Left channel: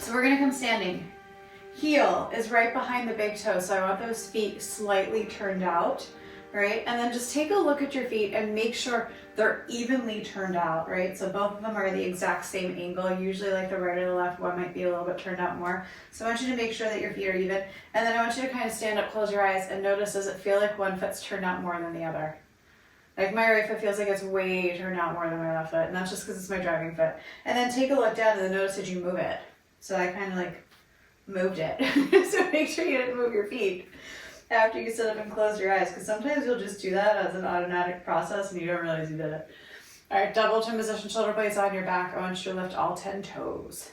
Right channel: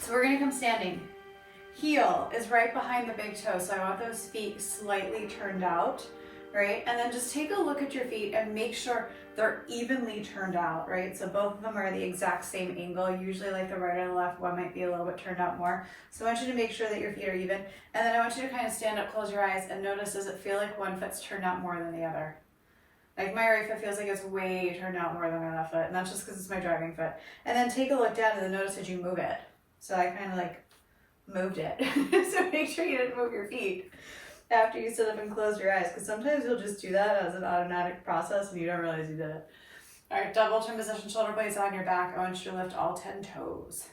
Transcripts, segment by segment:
So we're gonna come standing. Heel is right behind the big toe, so I want those feet slightly turned out, right? And then just take a look at your feet and make sure they're evenly turned out, right? So both of them are the exact same angle. Usually like the right or the left, one might be a little bit turned out more. So I want you to make sure that your feet are even. And then I want you to kind of stand up, close your eyes, and notice, does it feel like one foot's turned out more than the other? Like my right foot feels like it's way turned out more than my left foot, and that's just because it's my driving foot. And then take a look down and then notice that you move it. So I kind of like moved it. So make sure you didn't move your feet after you sit up and close your eyes, because sometimes you'll just do that as an automatic process and you don't realize you did it. All right, double chin position, shoulder blades on your back. I want you to lift all 10 toes.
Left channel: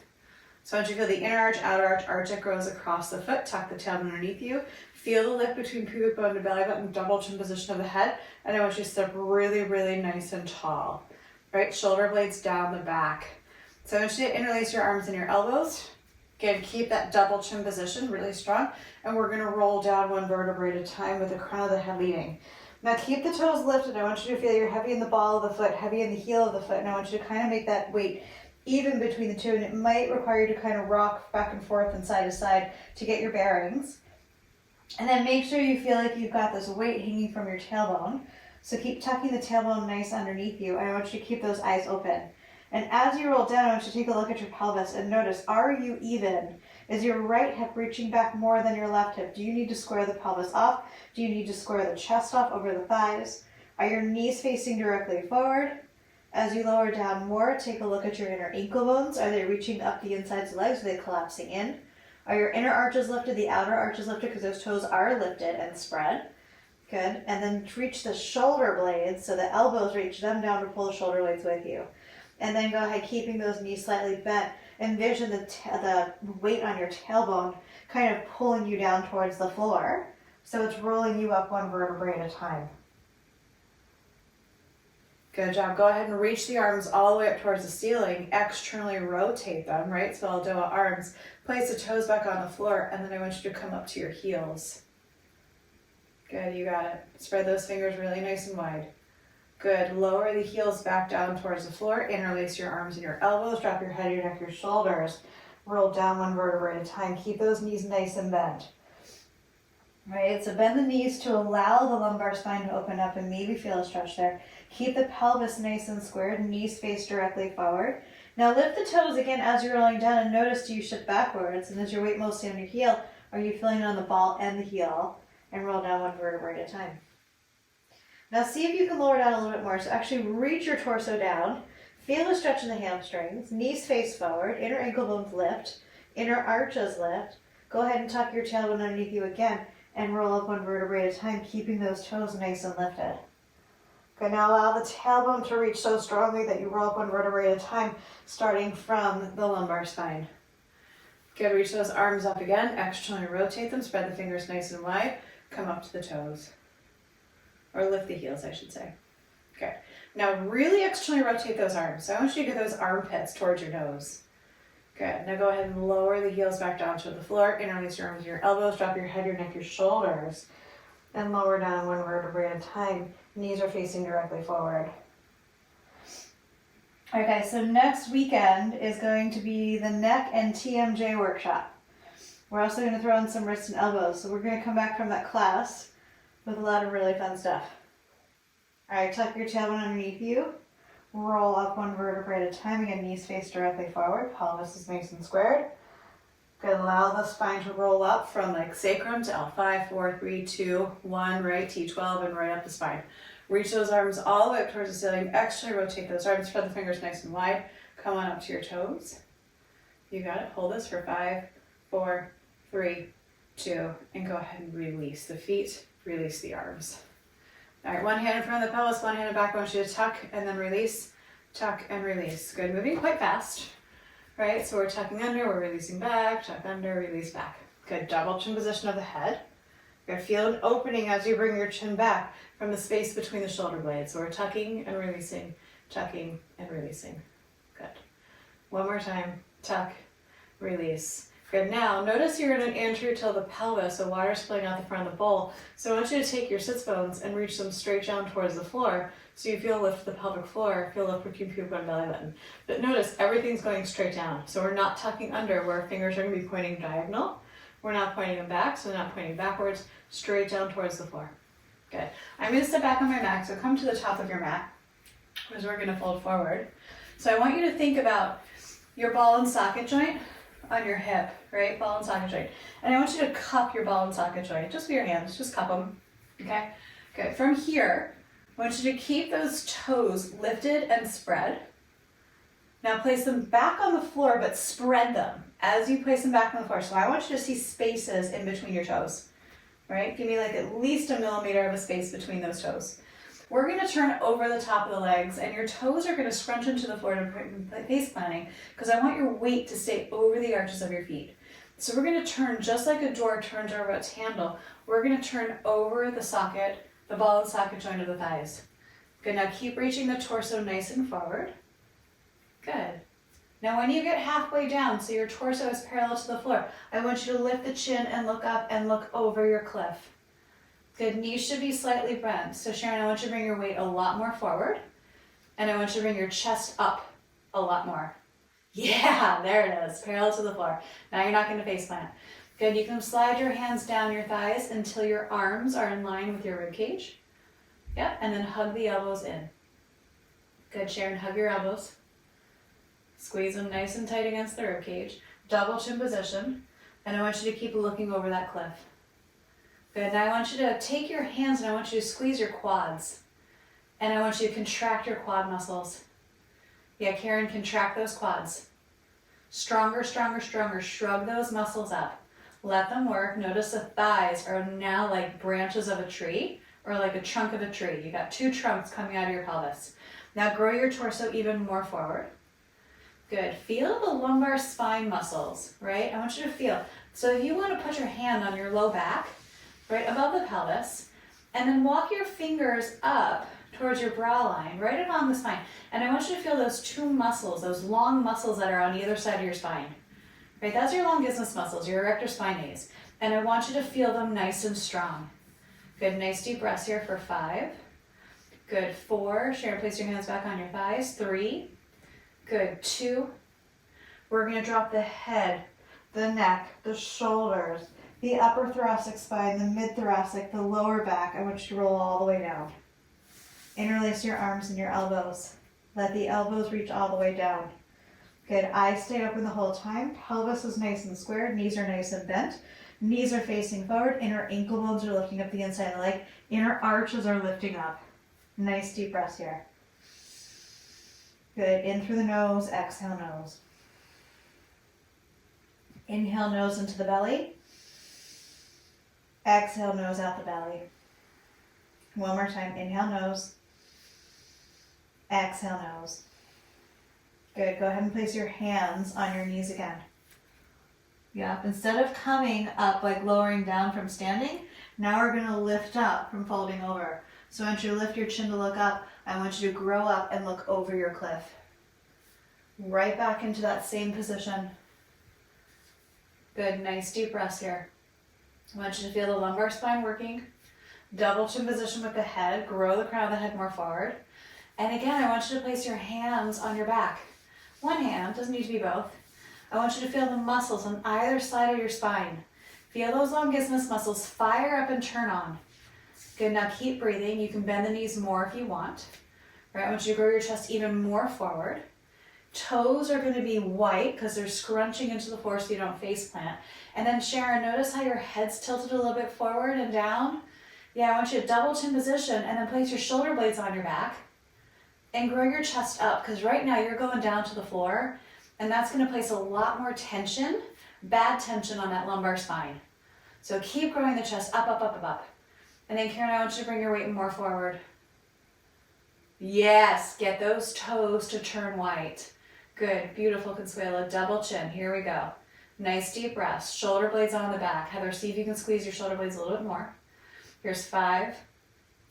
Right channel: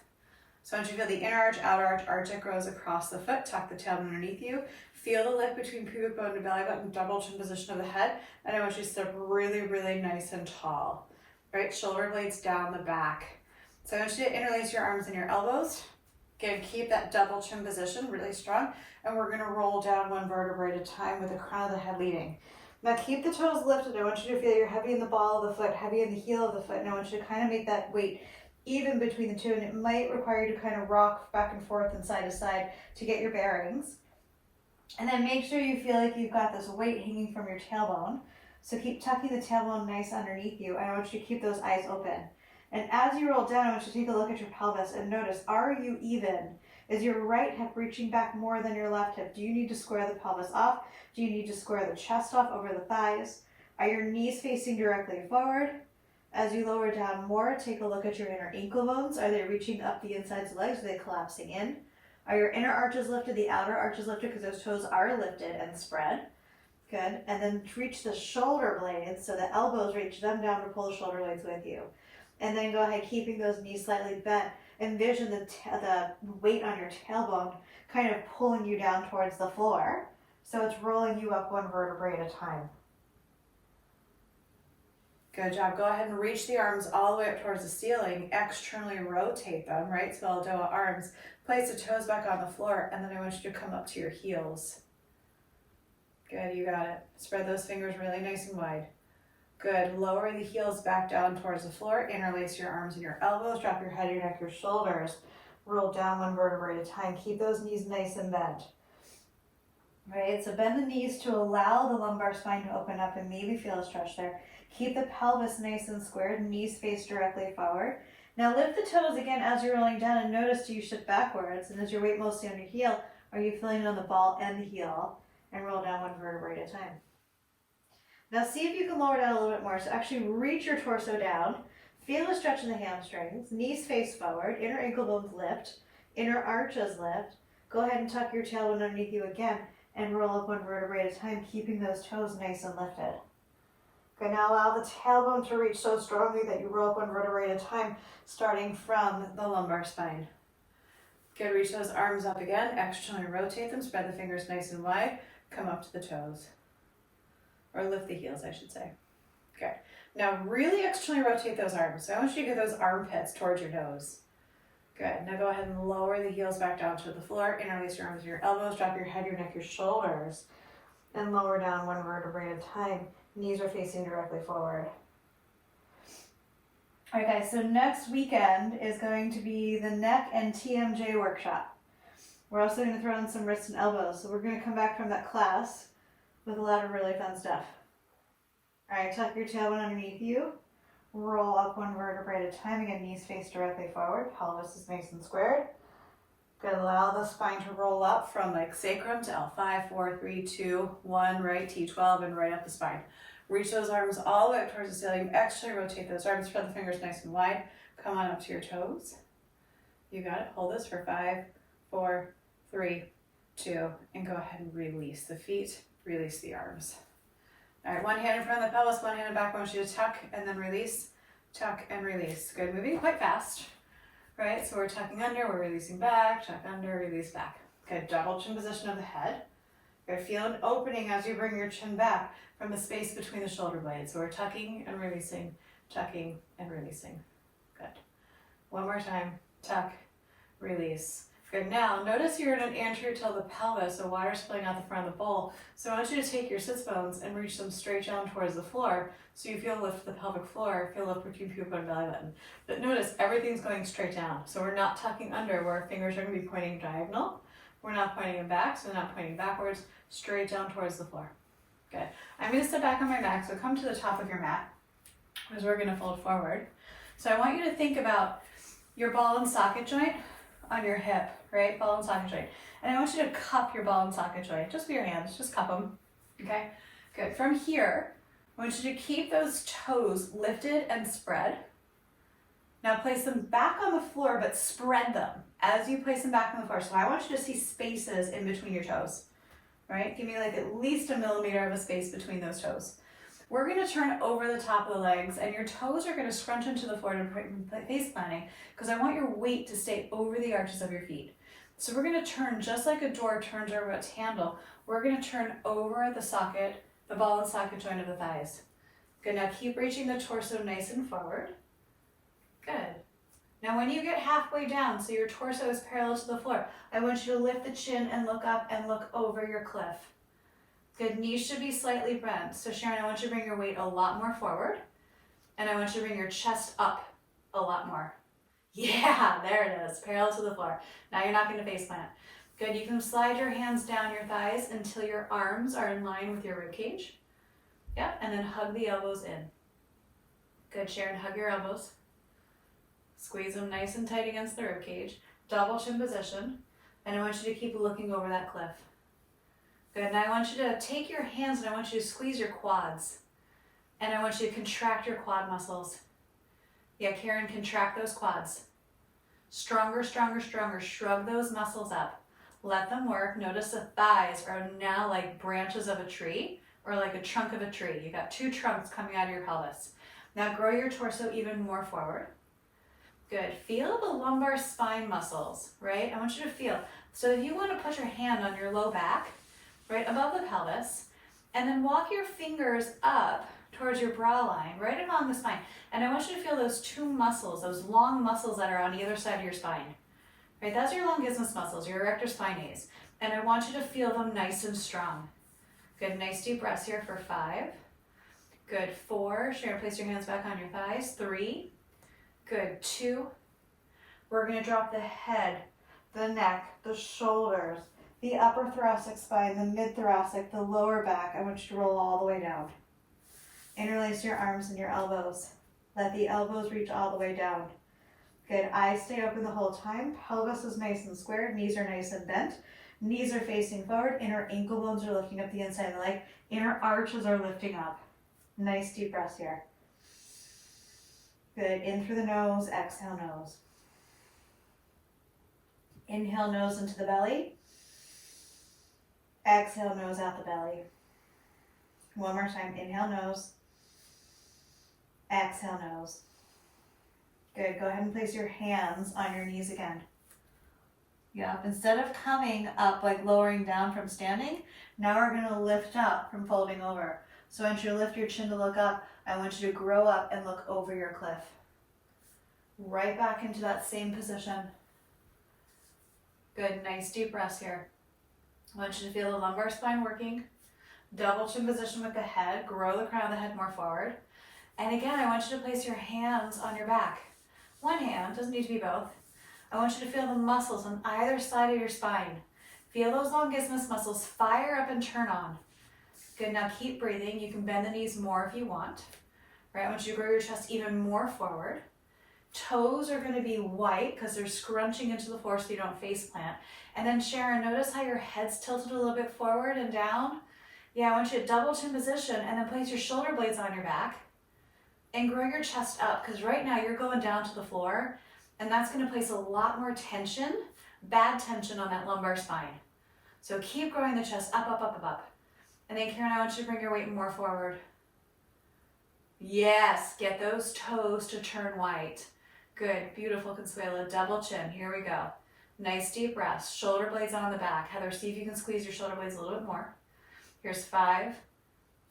So I want you to feel the inner arch, outer arch, arch that grows across the foot, tuck the tailbone underneath you. Feel the lift between pubic bone and belly button, double chin position of the head. And I want you to step really, really nice and tall. Right, shoulder blades down the back. So I want you to interlace your arms and your elbows. Again, keep that double chin position really strong. And we're gonna roll down one vertebrae at a time with the crown of the head leading. Now keep the toes lifted. I want you to feel you're heavy in the ball of the foot, heavy in the heel of the foot. And I want you to kind of make that weight even between the two. And it might require you to kind of rock back and forth and side to side to get your bearings. And then make sure you feel like you've got this weight hanging from your tailbone. So keep tucking the tailbone nice underneath you. I want you to keep those eyes open. And as you roll down, I want you to take a look at your pelvis and notice, are you even? Is your right hip reaching back more than your left hip? Do you need to square the pelvis off? Do you need to square the chest off over the thighs? Are your knees facing directly forward? As you lower down more, take a look at your inner ankle bones. Are they reaching up the insides of the legs? Are they collapsing in? Are your inner arches lifted, the outer arches lifted, because those toes are lifted and spread? Good. And then reach the shoulder blades, so the elbows, reach them down to pull the shoulder blades with you. And then go ahead, keeping those knees slightly bent. Envision the weight on your tailbone kind of pulling you down towards the floor. So it's rolling you up one vertebrae at a time. Good job. Go ahead and reach the arms all the way up towards the ceiling. Externally rotate them, right? So ELDOA arms. Place the toes back on the floor, and then I want you to come up to your heels. Good, you got it. Spread those fingers really nice and wide. Good. Lower the heels back down towards the floor. Interlace your arms and your elbows. Drop your head, your neck, your shoulders. Roll down one vertebrae at a time. Keep those knees nice and bent. Right, so bend the knees to allow the lumbar spine to open up and maybe feel a stretch there. Keep the pelvis nice and squared, knees face directly forward. Now lift the toes again as you're rolling down and notice, do you shift backwards? And is your weight mostly on your heel? Are you feeling it on the ball and the heel? And roll down one vertebrae at a time. Now see if you can lower down a little bit more. So actually reach your torso down. Feel a stretch in the hamstrings. Knees face forward. Inner ankle bones lift. Inner arches lift. Go ahead and tuck your tailbone underneath you again and roll up one vertebrae at a time, keeping those toes nice and lifted. Okay, now allow the tailbone to reach so strongly that you roll up one vertebrae at a time, starting from the lumbar spine. Good, reach those arms up again. Externally rotate them. Spread the fingers nice and wide. Come up to the toes. Or lift the heels, I should say. Okay. Now really externally rotate those arms. So I want you to get those armpits towards your nose. Good. Now go ahead and lower the heels back down to the floor. Interlace your arms and your elbows. Drop your head, your neck, your shoulders. And lower down one vertebrae at a time. Knees are facing directly forward. All right, guys. So next weekend is going to be the neck and TMJ workshop. We're also going to throw in some wrists and elbows. So we're going to come back from that class with a lot of really fun stuff. All right, tuck your tailbone underneath you. Roll up one vertebrae at a time. Again, knees face directly forward. Pelvis is nice and squared. Good. Allow the spine to roll up from like sacrum to L5, 4, 3, 2, 1, right, T12, and right up the spine. Reach those arms all the way up towards the ceiling. Externally rotate those arms. Spread the fingers nice and wide. Come on up to your toes. You got it. Hold this for 5, 4, 3, 2, and go ahead and release the feet. Release the arms. All right, one hand in front of the pelvis, one hand in back. I want you to tuck and then release, tuck and release. Good, moving quite fast, right? So we're tucking under, we're releasing back, tuck under, release back. Good, double chin position of the head. Good, feel an opening as you bring your chin back from the space between the shoulder blades. So we're tucking and releasing, tucking and releasing. Good. One more time, tuck, release, Good. Now, notice you're in an anterior tilt of the pelvis, so water's flowing out the front of the bowl. So I want you to take your sits bones and reach them straight down towards the floor, so you feel lift the pelvic floor, feel lift between pubic and belly button. But notice everything's going straight down, so we're not tucking under where our fingers are going to be pointing diagonal. We're not pointing them back, so we're not pointing backwards, straight down towards the floor. Good. I'm going to sit back on my back, so come to the top of your mat, because we're going to fold forward. So I want you to think about your ball and socket joint on your hip, right? Ball and socket joint. And I want you to cup your ball and socket joint, just with your hands, just cup them, okay? Good. From here, I want you to keep those toes lifted and spread. Now place them back on the floor, but spread them as you place them back on the floor. So I want you to see spaces in between your toes, right? Give me like at least a millimeter of a space between those toes. We're going to turn over the top of the legs, and your toes are going to scrunch into the floor to face planting, because I want your weight to stay over the arches of your feet. So we're going to turn just like a door turns over its handle. We're going to turn over the socket, the ball and socket joint of the thighs. Good. Now keep reaching the torso nice and forward. Good. Now when you get halfway down, so your torso is parallel to the floor, I want you to lift the chin and look up and look over your cliff. Good. Knees should be slightly bent. So Sharon, I want you to bring your weight a lot more forward, and I want you to bring your chest up a lot more. Yeah, there it is, parallel to the floor. Now you're not going to face plant. Good. You can slide your hands down your thighs until your arms are in line with your rib cage. Yep, and then hug the elbows in. Good, Sharon, hug your elbows. Squeeze them nice and tight against the rib cage. Double chin position, and I want you to keep looking over that cliff. Good. Now I want you to take your hands and I want you to squeeze your quads. And I want you to contract your quad muscles. Yeah, Karen, contract those quads. Stronger, stronger, stronger. Shrug those muscles up. Let them work. Notice the thighs are now like branches of a tree, or like a trunk of a tree. You got two trunks coming out of your pelvis. Now grow your torso even more forward. Good. Feel the lumbar spine muscles, right? I want you to feel. So if you want to put your hand on your low back, right above the pelvis, and then walk your fingers up towards your brow line, right along the spine. And I want you to feel those two muscles, those long muscles that are on either side of your spine. Right, that's your longismus muscles, your erector spinae. And I want you to feel them nice and strong. Good, nice deep breaths here for 5. Good, 4. Sharon, place your hands back on your thighs. 3. Good, 2. We're going to drop the head, the neck, the shoulders, the upper thoracic spine, the mid-thoracic, the lower back. I want you to roll all the way down. Interlace your arms and your elbows. Let the elbows reach all the way down. Good. Eyes stay open the whole time. Pelvis is nice and square. Knees are nice and bent. Knees are facing forward. Inner ankle bones are looking up the inside of the leg. Inner arches are lifting up. Nice deep breaths here. Good. In through the nose. Exhale nose. Inhale nose into the belly. Exhale nose out the belly. One more time. Inhale nose. Exhale nose. Good. Go ahead and place your hands on your knees again. Yep. Instead of coming up, like lowering down from standing, now we're going to lift up from folding over. So I want you to lift your chin to look up. I want you to grow up and look over your cliff. Right back into that same position. Good. Nice deep breaths here. I want you to feel the lumbar spine working. Double chin position with the head. Grow the crown of the head more forward. And again, I want you to place your hands on your back. One hand, doesn't need to be both. I want you to feel the muscles on either side of your spine. Feel those longismus muscles fire up and turn on. Good, now keep breathing. You can bend the knees more if you want. Right, I want you to grow your chest even more forward. Toes are going to be white because they're scrunching into the floor so you don't face plant. And then Sharon, notice how your head's tilted a little bit forward and down. Yeah, I want you to double chin position and then place your shoulder blades on your back. And grow your chest up, because right now you're going down to the floor, and that's going to place a lot more tension, bad tension on that lumbar spine. So keep growing the chest up, up, up, up, up. And then Karen, I want you to bring your weight more forward. Yes, get those toes to turn white. Good, beautiful, Consuelo, double chin. Here we go. Nice deep breaths, shoulder blades on the back. Heather, see if you can squeeze your shoulder blades a little bit more. Here's 5,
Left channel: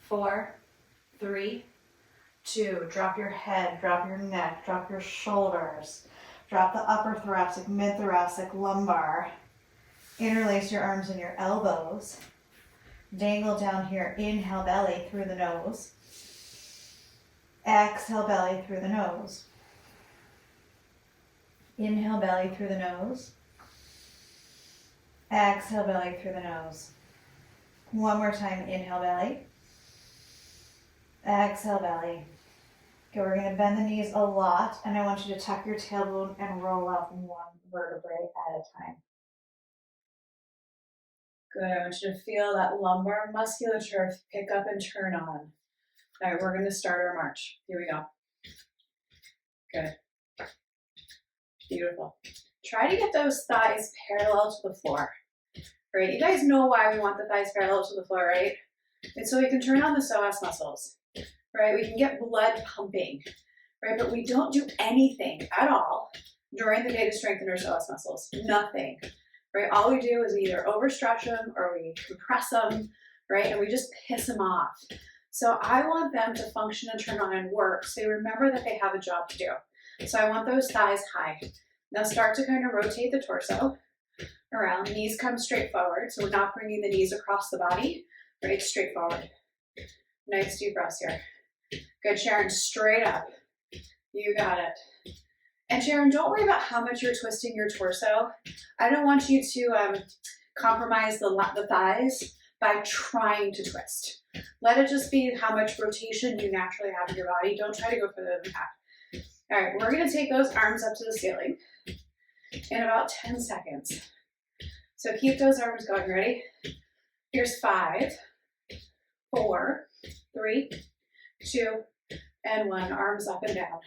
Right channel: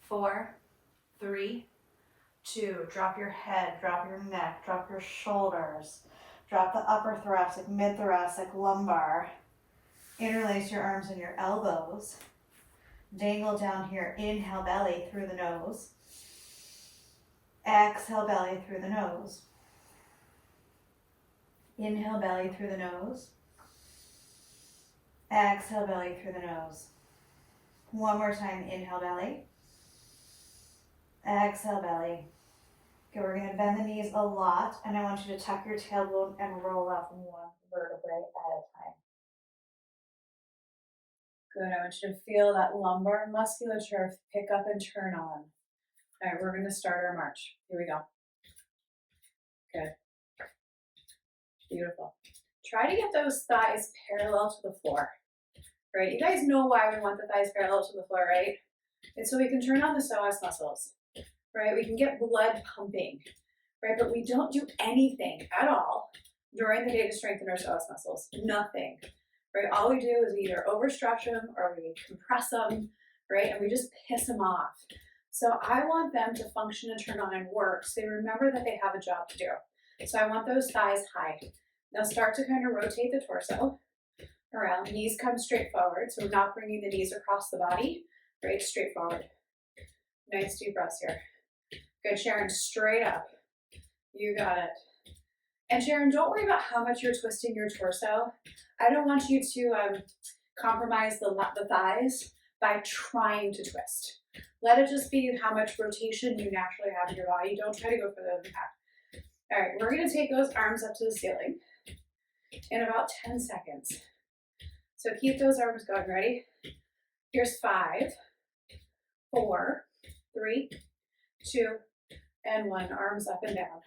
4, 3, 2, drop your head, drop your neck, drop your shoulders, Drop the upper thoracic, mid-thoracic, lumbar. Interlace your arms and your elbows. Dangle down here. Inhale belly through the nose. Exhale belly through the nose. Inhale belly through the nose. Exhale belly through the nose. One more time. Inhale belly. Exhale belly. Okay, we're going to bend the knees a lot, and I want you to tuck your tailbone and roll up one vertebrae at a time. Good. I want you to feel that lumbar musculature pick up and turn on. All right, we're going to start our march. Here we go. Good. Beautiful. Try to get those thighs parallel to the floor. Right? You guys know why we want the thighs parallel to the floor, right? It's so we can turn on the psoas muscles. Right? We can get blood pumping, right? But we don't do anything at all during the day to strengthen our psoas muscles. Nothing, right? All we do is we either overstretch them or we compress them, right? And we just piss them off. So I want them to function and turn on and work so they remember that they have a job to do. So I want those thighs high. Now start to kind of rotate the torso around. Knees come straight forward. So we're not bringing the knees across the body, right? Straight forward. Nice deep breaths here. Good, Sharon, straight up. You got it. And Sharon, don't worry about how much you're twisting your torso. I don't want you to compromise the thighs by trying to twist. Let it just be how much rotation you naturally have in your body. Don't try to go further than that. All right, we're going to take those arms up to the ceiling in about 10 seconds. So keep those arms going. Ready? Here's 5, 4, 3, 2, and 1. Arms up and down.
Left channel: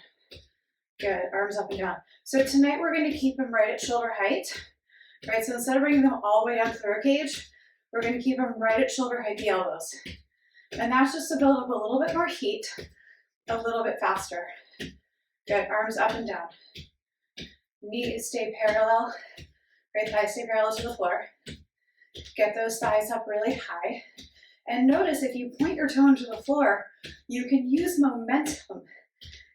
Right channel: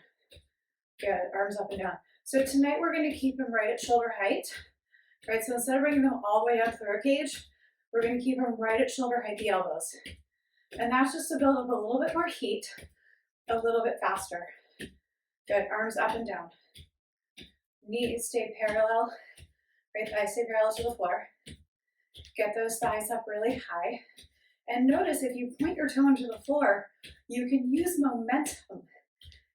Good. Arms up and down. So tonight we're going to keep them right at shoulder height. Right? So instead of bringing them all the way down to the ribcage, we're going to keep them right at shoulder height, the elbows. And that's just to build up a little bit more heat, a little bit faster. Good. Arms up and down. Knees stay parallel. Right? Thighs stay parallel to the floor. Get those thighs up really high. And notice if you point your toe into the floor, you can use momentum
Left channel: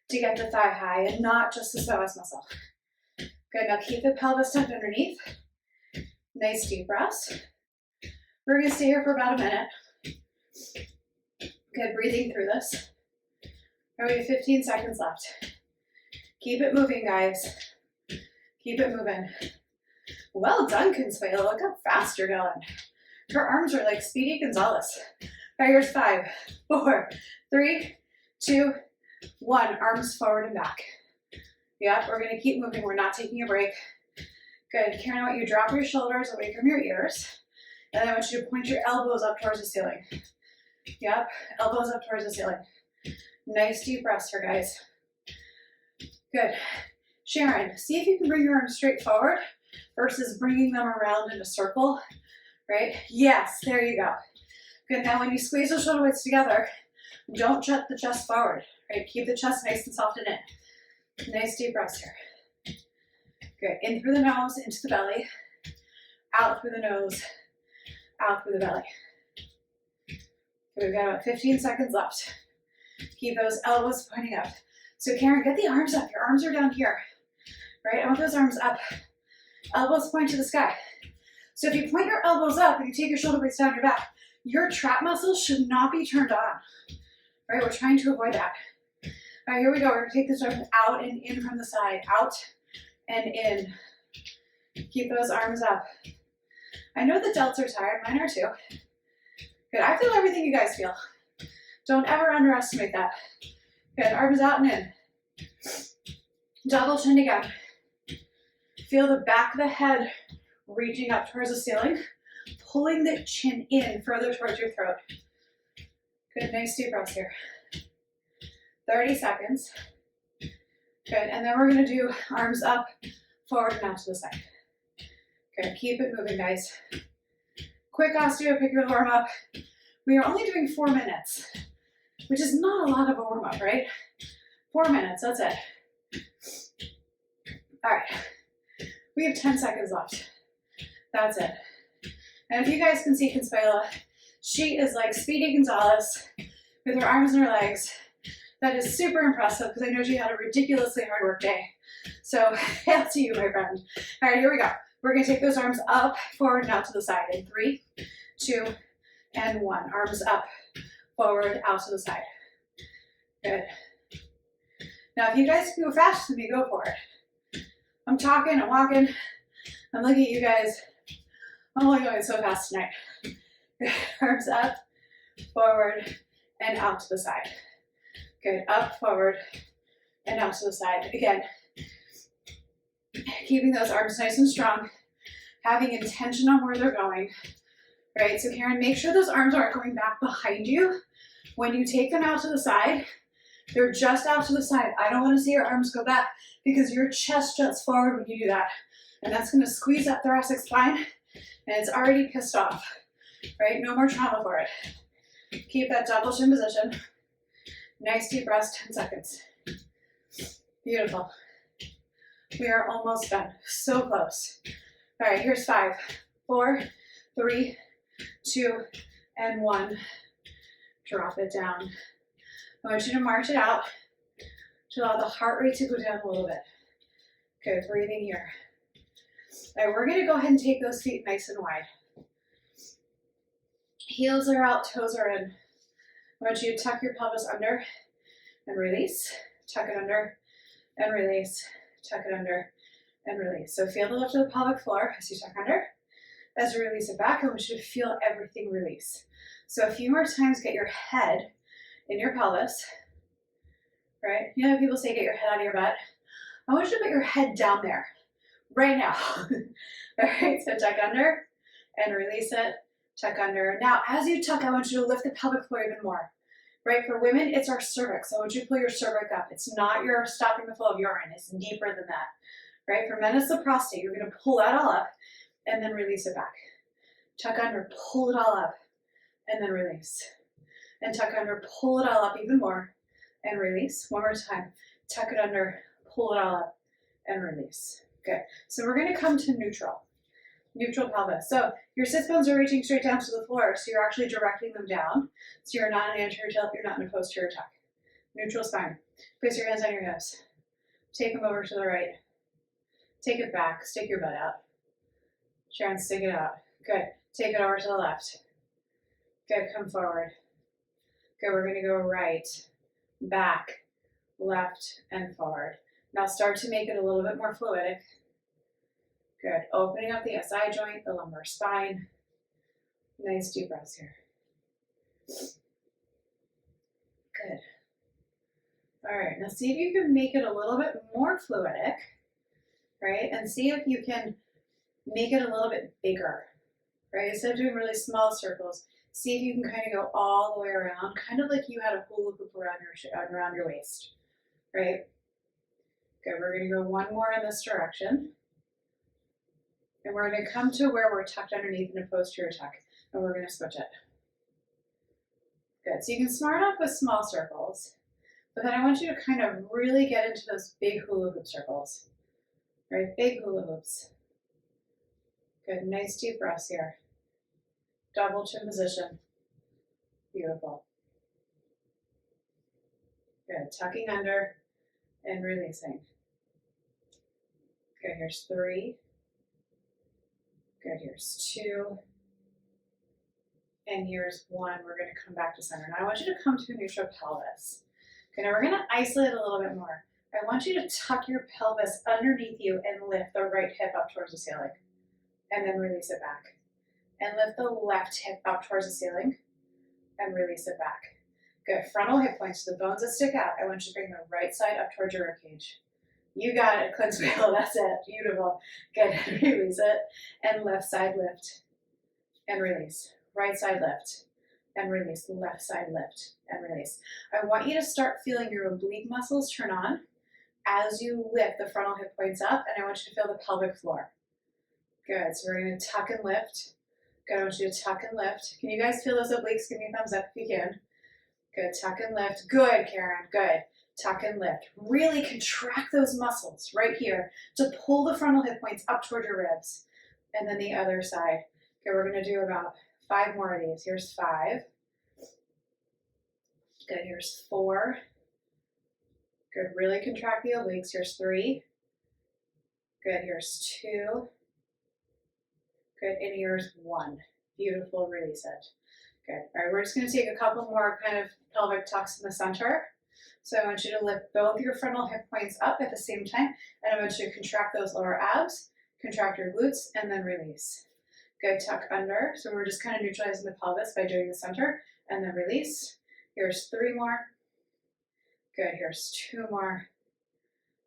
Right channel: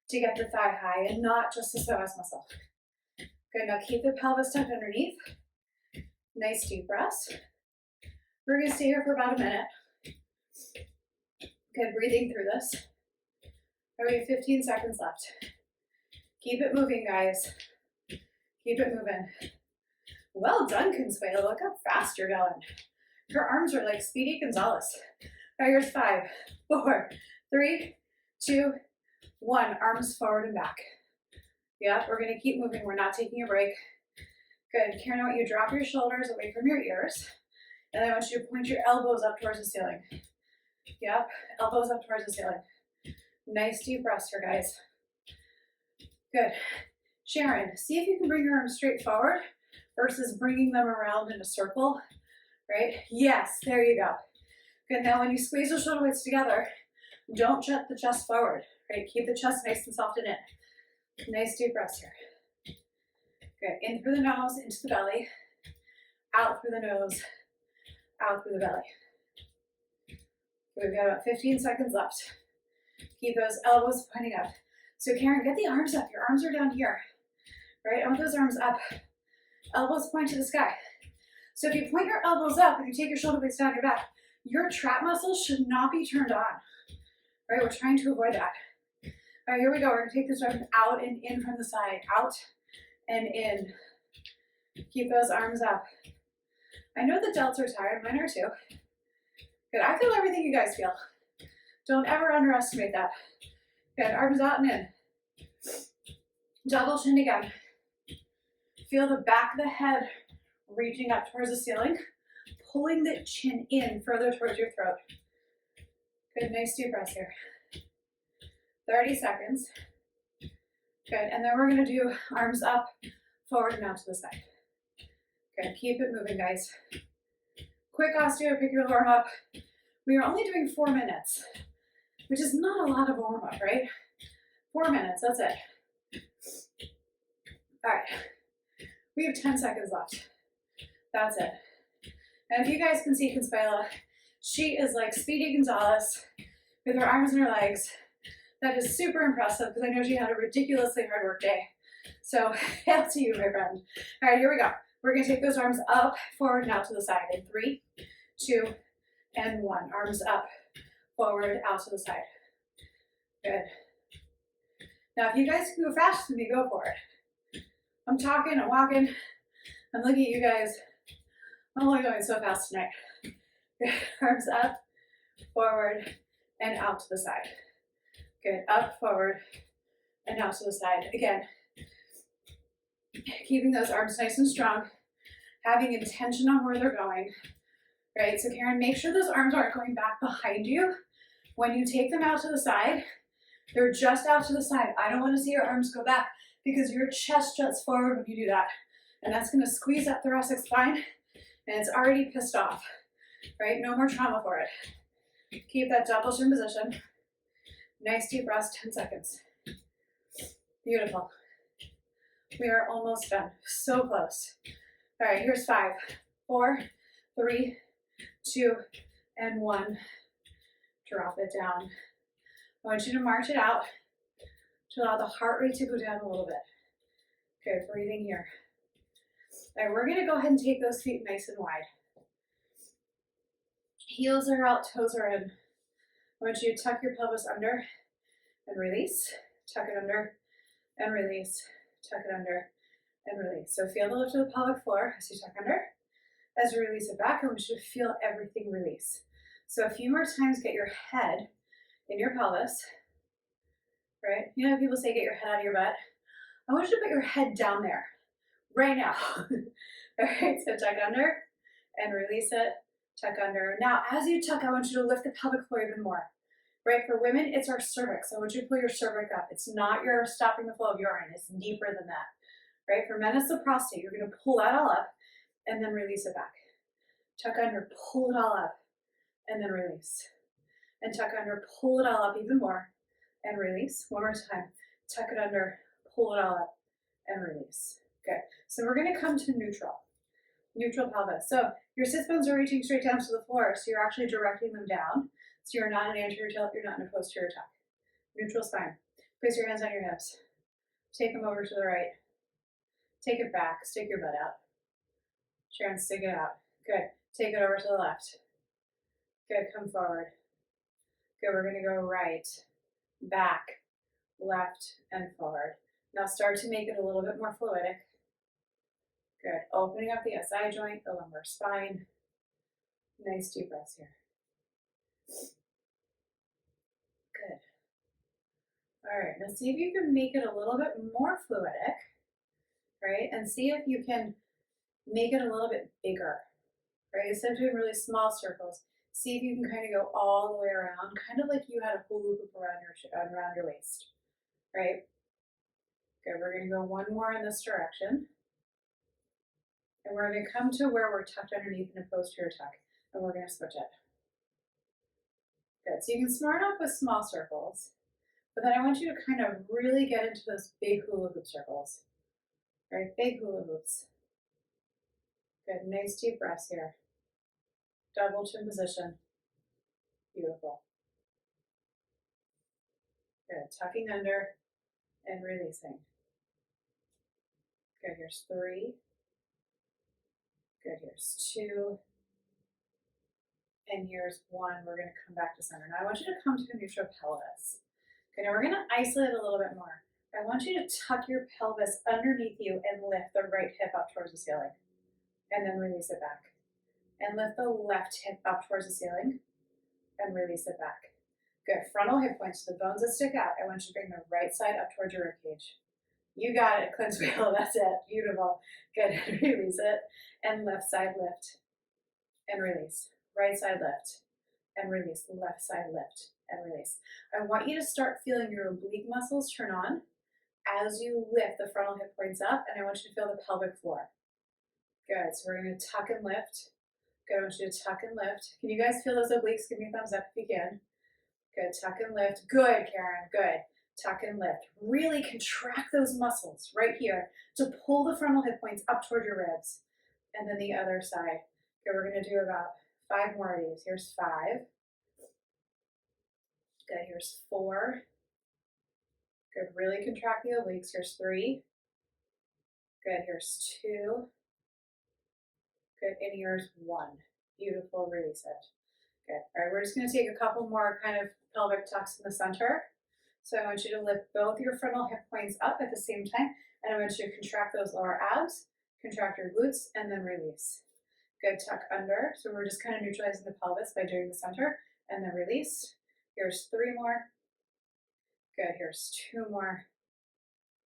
to get the thigh high and not just the psoas muscle. Good, now keep the pelvis tucked underneath. Nice deep breaths. We're gonna stay here for about a minute. Good, breathing through this. All right, we have 15 seconds left. Keep it moving, guys. Keep it moving. Well done, Consuelo, look how fast you're going. Her arms are like Speedy Gonzalez. All right, here's 5, 4, 3, 2, 1. Arms forward and back. Yep, we're going to keep moving. We're not taking a break. Good. Karen, I want you to drop your shoulders away from your ears. And I want you to point your elbows up towards the ceiling. Yep, elbows up towards the ceiling. Nice deep breaths here, guys. Good. Sharon, see if you can bring your arms straight forward versus bringing them around in a circle. Right? Yes, there you go. Good, now when you squeeze the shoulder blades together, don't jet the chest forward, right? Keep the chest nice and soft and in. Nice deep breaths here. Good, in through the nose, into the belly, out through the nose, out through the belly. Good, we've got about 15 seconds left. Keep those elbows pointing up. So Karen, get the arms up. Your arms are down here, right? I want those arms up. Elbows point to the sky. So if you point your elbows up and you take your shoulder blades down your back, your trap muscles should not be turned on, right? We're trying to avoid that. All right, here we go. We're going to take this arm out and in from the side, out and in. Keep those arms up. I know the delts are tired. Mine are too. Good. I feel everything you guys feel. Don't ever underestimate that. Good. Arms out and in. Double chin again. Feel the back of the head reaching up towards the ceiling, pulling the chin in further towards your throat. Good, nice deep breaths here. 30 seconds. Good, and then we're gonna do arms up, forward and out to the side. Good, keep it moving, guys. Quick osteo, pick your warm up. We are only doing 4 minutes, which is not a lot of a warm up, right? 4 minutes, that's it. All right, we have 10 seconds left. That's it. And if you guys can see Consuela, she is like Speedy Gonzalez with her arms and her legs. That is super impressive because I know she had a ridiculously hard work day. So hail to you, my friend. All right, here we go. We're gonna take those arms up, forward, and out to the side in 3, 2, and 1. Arms up, forward, out to the side. Good. Now, if you guys can go faster than me, go for it. I'm talking, I'm walking, I'm looking at you guys. I'm only going so fast tonight. Good. Arms up, forward, and out to the side. Good. Up, forward, and out to the side. Again, keeping those arms nice and strong, having intention on where they're going, right? So Karen, make sure those arms aren't going back behind you. When you take them out to the side, they're just out to the side. I don't want to see your arms go back because your chest juts forward when you do that. And that's going to squeeze that thoracic spine, and it's already pissed off, right? No more trauma for it. Keep that double chin position. Nice deep breaths, 10 seconds. Beautiful. We are almost done. So close. All right, here's 5, 4, 3, 2, and 1. Drop it down. I want you to march it out to allow the heart rate to go down a little bit. Good, breathing here. All right, we're gonna go ahead and take those feet nice and wide. Heels are out, toes are in. I want you to tuck your pelvis under and release. Tuck it under and release. Tuck it under and release. So feel the lift of the pelvic floor as you tuck under. As you release it back, I want you to feel everything release. So a few more times, get your head in your pelvis, right? You know, people say get your head out of your butt. I want you to put your head down there right now. All right, so tuck under and release it, tuck under. Now, as you tuck, I want you to lift the pelvic floor even more, right? For women, it's our cervix. I want you to pull your cervix up. It's not your stopping the flow of urine. It's deeper than that, right? For men, it's the prostate. You're gonna pull that all up and then release it back. Tuck under, pull it all up, and then release. And tuck under, pull it all up even more, and release. One more time. Tuck it under, pull it all up, and release. Good. So we're gonna come to neutral. Neutral pelvis. So your sit bones are reaching straight down to the floor, so you're actually directing them down. So you're not in an anterior tilt, you're not in a posterior tuck. Neutral spine. Place your hands on your hips. Take them over to the right. Take it back, stick your butt out. Sharon, stick it out. Good. Take it over to the left. Good, come forward. Good, we're gonna go right, back, left, and forward. Now start to make it a little bit more fluidic. Good, opening up the SI joint, the lumbar spine. Nice deep breaths here. Good. All right, now see if you can make it a little bit more fluidic, right? And see if you can make it a little bit bigger, right? Instead of doing really small circles, see if you can kind of go all the way around, kind of like you had a hula hoop around your waist, right? Good, we're gonna go one more in this direction. And we're gonna come to where we're tucked underneath in a posterior tuck, and we're gonna switch it. Good, so you can start off with small circles, but then I want you to kind of really get into those big hula hoop circles, right? Big hula hoops. Good, nice deep breaths here. Double chin position. Beautiful. Good, tucking under and releasing. Good, here's 3. Good, here's 2. And here's 1. We're gonna come back to center. Now I want you to come to a neutral pelvis. Okay, now we're gonna isolate a little bit more. I want you to tuck your pelvis underneath you and lift the right hip up towards the ceiling. And then release it back. And lift the left hip up towards the ceiling and release it back. Good, frontal hip points, the bones that stick out. I want you to bring the right side up towards your ribcage. You got it, cleanse wheel, that's it, beautiful. Good, release it. And left side lift and release. Right side lift and release. Left side lift and release. I want you to start feeling your oblique muscles turn on as you lift the frontal hip points up, and I want you to feel the pelvic floor. Good, so we're gonna tuck and lift. Good, I want you to tuck and lift. Can you guys feel those obliques? Give me a thumbs up if you can. Good, tuck and lift. Good, Karen, good. Tuck and lift. Really contract those muscles right here to pull the frontal hip points up toward your ribs. And then the other side. Okay, we're gonna do about 5 more of these. Here's 5. Good, here's 4. Good, really contract the obliques. Here's 3. Good, here's 2. Good, and here's 1. Beautiful, release it. Good, all right, we're just gonna take a couple more kind of pelvic tucks in the center. So I want you to lift both your frontal hip points up at the same time, and I want you to contract those lower abs, contract your glutes, and then release. Good, tuck under. So we're just kind of neutralizing the pelvis by doing the center, and then release. Here's 3 more. Good, here's 2 more.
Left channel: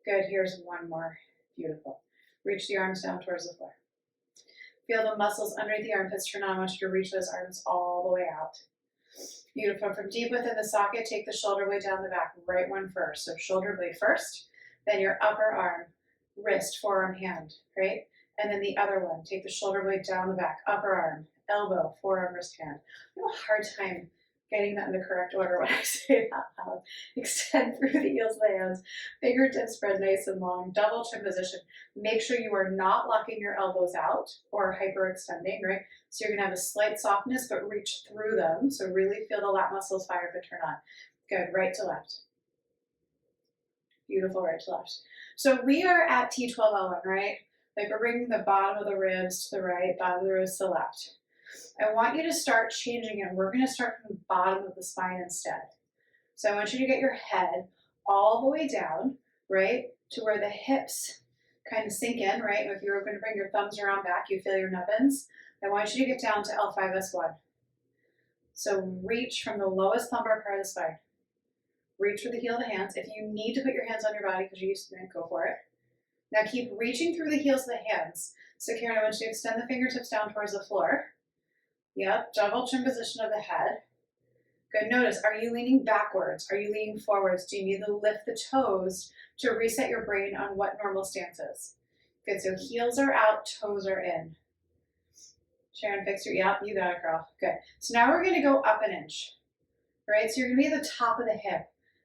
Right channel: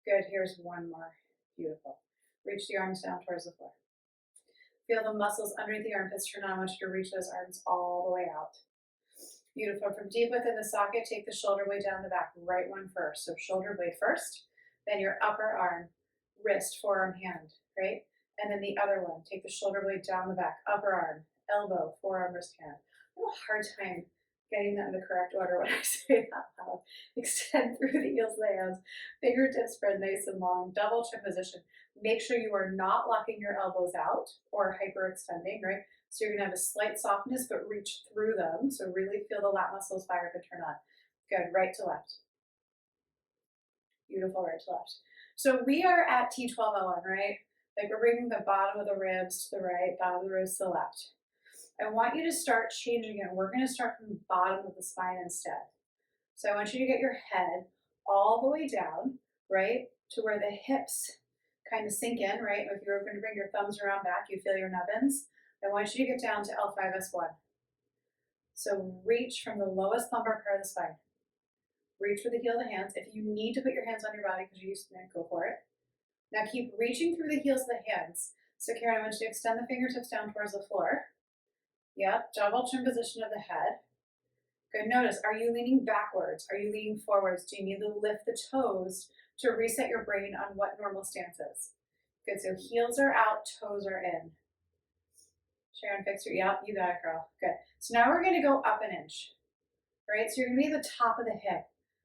Good, here's 1 more. Beautiful. Reach the arms down towards the floor. Feel the muscles underneath the armpits turn on. I want you to reach those arms all the way out. Beautiful. From deep within the socket, take the shoulder blade down the back. Right one first. So shoulder blade first, then your upper arm, wrist, forearm, hand, right? And then the other one, take the shoulder blade down the back, upper arm, elbow, forearm, wrist, hand. I have a hard time getting that in the correct order when I say that loud. Extend through the heels of the hands. Fingertips spread nice and long. Double chin position. Make sure you are not locking your elbows out or hyperextending, right? So you're going to have a slight softness, but reach through them. So really feel the lat muscles fire up and turn on. Good. Right to left. Beautiful. Right to left. So we are at T12L1, right? Like we're bringing the bottom of the ribs to the right, bottom of the ribs to the left. I want you to start changing it. We're going to start from the bottom of the spine instead. So I want you to get your head all the way down, right, to where the hips kind of sink in, right? If you're going to bring your thumbs around back, you feel your nubbins. I want you to get down to L5S1. So reach from the lowest lumbar part of the spine. Reach for the heel of the hands. If you need to put your hands on your body because you're used to it, go for it. Now keep reaching through the heels of the hands. So Karen, I want you to extend the fingertips down towards the floor. Yep, double chin position of the head. Good, notice, are you leaning backwards? Are you leaning forwards? Do you need to lift the toes to reset your brain on what normal stance is? Good, so heels are out, toes are in. Sharon, fix your, yep, you got it, girl. Good, so now we're gonna go up an inch, right? So you're gonna be at the top of the hip,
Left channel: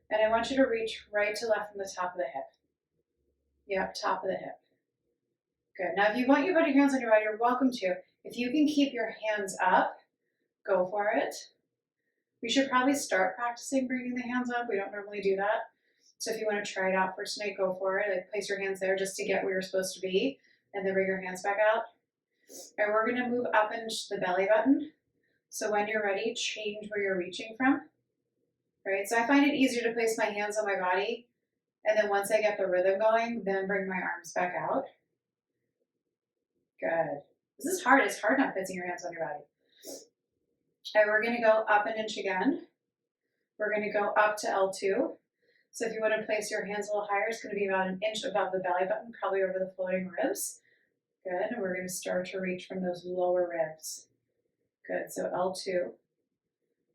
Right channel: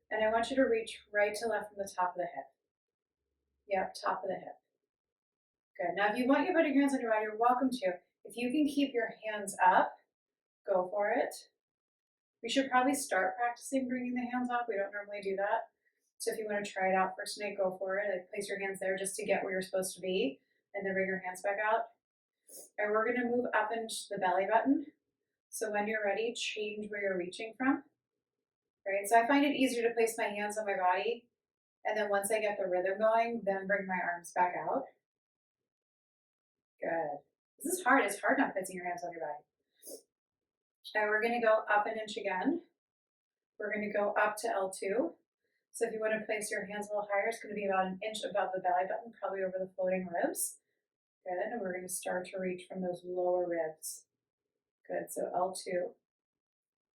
and I want you to reach right to left from the top of the hip. Yep, top of the hip. Good, now if you want you to put your hands on your body, you're welcome to. If you can keep your hands up, go for it. We should probably start practicing bringing the hands up. We don't normally do that. So if you want to try it out for tonight, go for it. Like place your hands there just to get where you're supposed to be, and then bring your hands back out. And we're going to move up into the belly button. So when you're ready, change where you're reaching from. Right? So I find it easier to place my hands on my body, and then once I get the rhythm going, then bring my arms back out. Good. This is hard. It's hard not placing your hands on your body. And we're going to go up an inch again. We're going to go up to L2. So if you want to place your hands a little higher, it's going to be about an inch above the belly button, probably over the floating ribs. Good. And we're going to start to reach from those lower ribs. Good. So L2.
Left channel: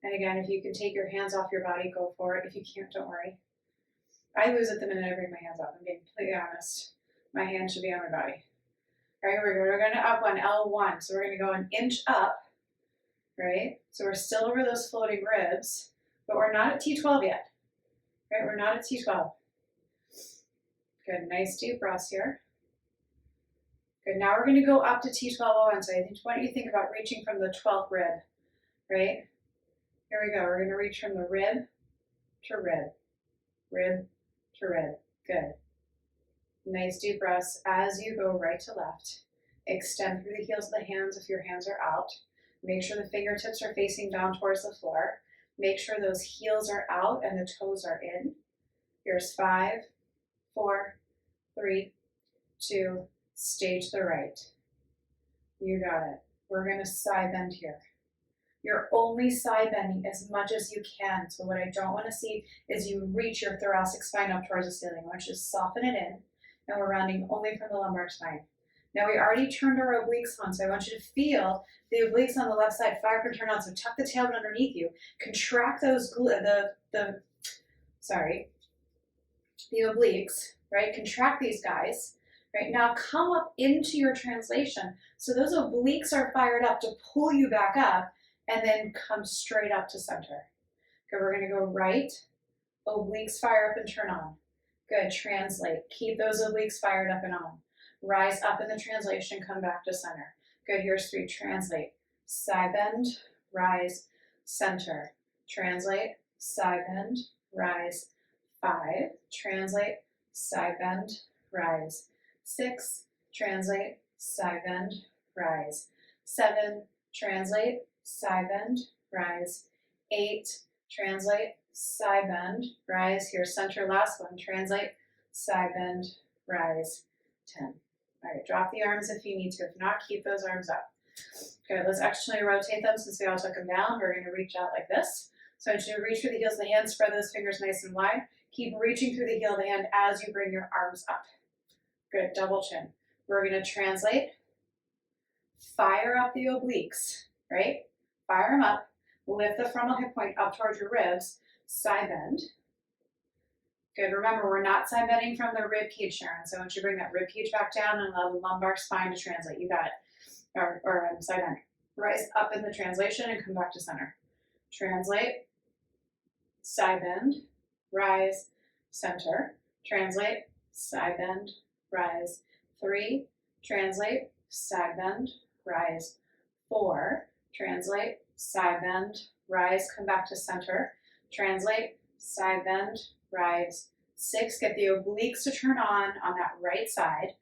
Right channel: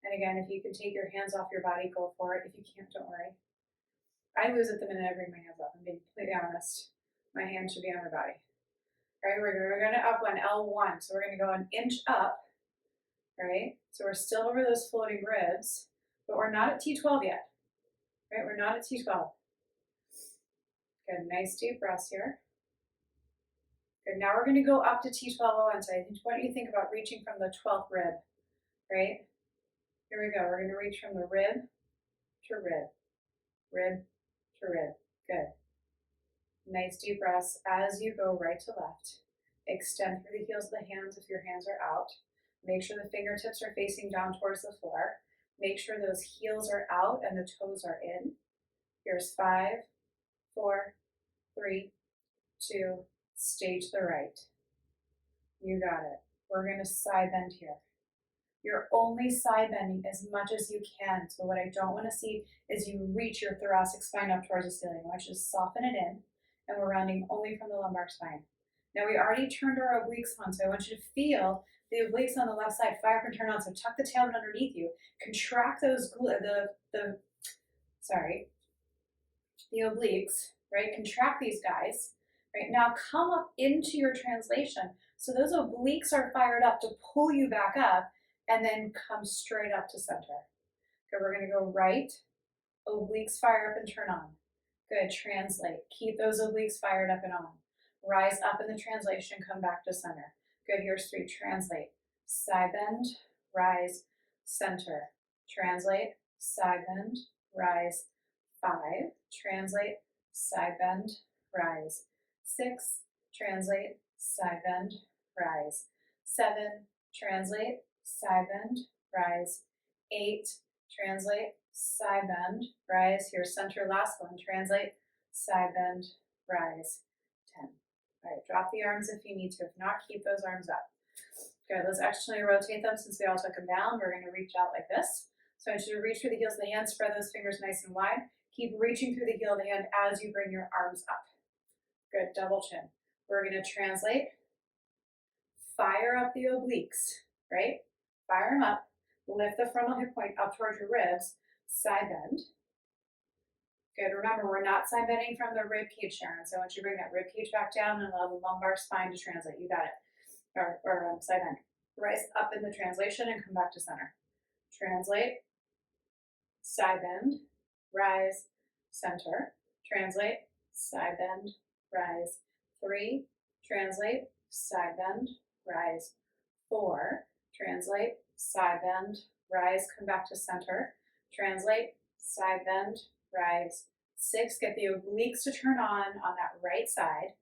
And again, if you can take your hands off your body, go for it. If you can't, don't worry. I lose it the minute I bring my hands up. I'm being completely honest. My hand should be on my body. All right, here we go. We're going to up one, L1. So we're going to go an inch up, right? So we're still over those floating ribs, but we're not at T12 yet, right? We're not at T12. Good, nice deep breaths here. Good, now we're going to go up to T12O1. So I want you to think about reaching from the 12th rib, right? Here we go. We're going to reach from the rib to rib, rib to rib. Good. Nice deep breaths as you go right to left. Extend through the heels of the hands if your hands are out. Make sure the fingertips are facing down towards the floor. Make sure those heels are out and the toes are in. Here's 5, 4, 3, 2, stay to the right. You got it. We're going to side bend here. You're only side bending as much as you can. So what I don't want to see is you reach your thoracic spine up towards the ceiling. I want you to soften it in, and we're rounding only from the lumbar spine. Now we already turned our obliques on, so I want you to feel the obliques on the left side fire up and turn on. So tuck the tailbone underneath you, contract those the obliques, right? Contract these guys, right? Now come up into your translation. So those obliques are fired up to pull you back up, and then come straight up to center. Okay, we're gonna go right, obliques fire up and turn on. Good, translate. Keep those obliques fired up and on. Rise up in the translation, come back to center. Good, here's 3, translate. Side bend, rise, center. Translate, side bend, rise. 5, translate, side bend, rise. 6, translate, side bend, rise. 7, translate, side bend, rise. 8, translate, side bend, rise. Here, center, last one, translate, side bend, rise. 10. All right, drop the arms if you need to. If not, keep those arms up. Good, let's externally rotate them since we all took them down. We're gonna reach out like this. So I want you to reach through the heels of the hand, spread those fingers nice and wide. Keep reaching through the heel of the hand as you bring your arms up. Good, double chin. We're gonna translate, fire up the obliques, right? Fire them up, lift the frontal hip point up towards your ribs, side bend. Good, remember we're not side bending from the rib cage, Sharon, so I want you to bring that rib cage back down and allow the lumbar spine to translate, you got it. Or side bend. Rise up in the translation and come back to center. Translate, side bend, rise, center. Translate, side bend, rise. 3, translate, side bend, rise. 4, translate, side bend, rise, come back to center. Translate, side bend, rise. 6, get the obliques to turn on that right side.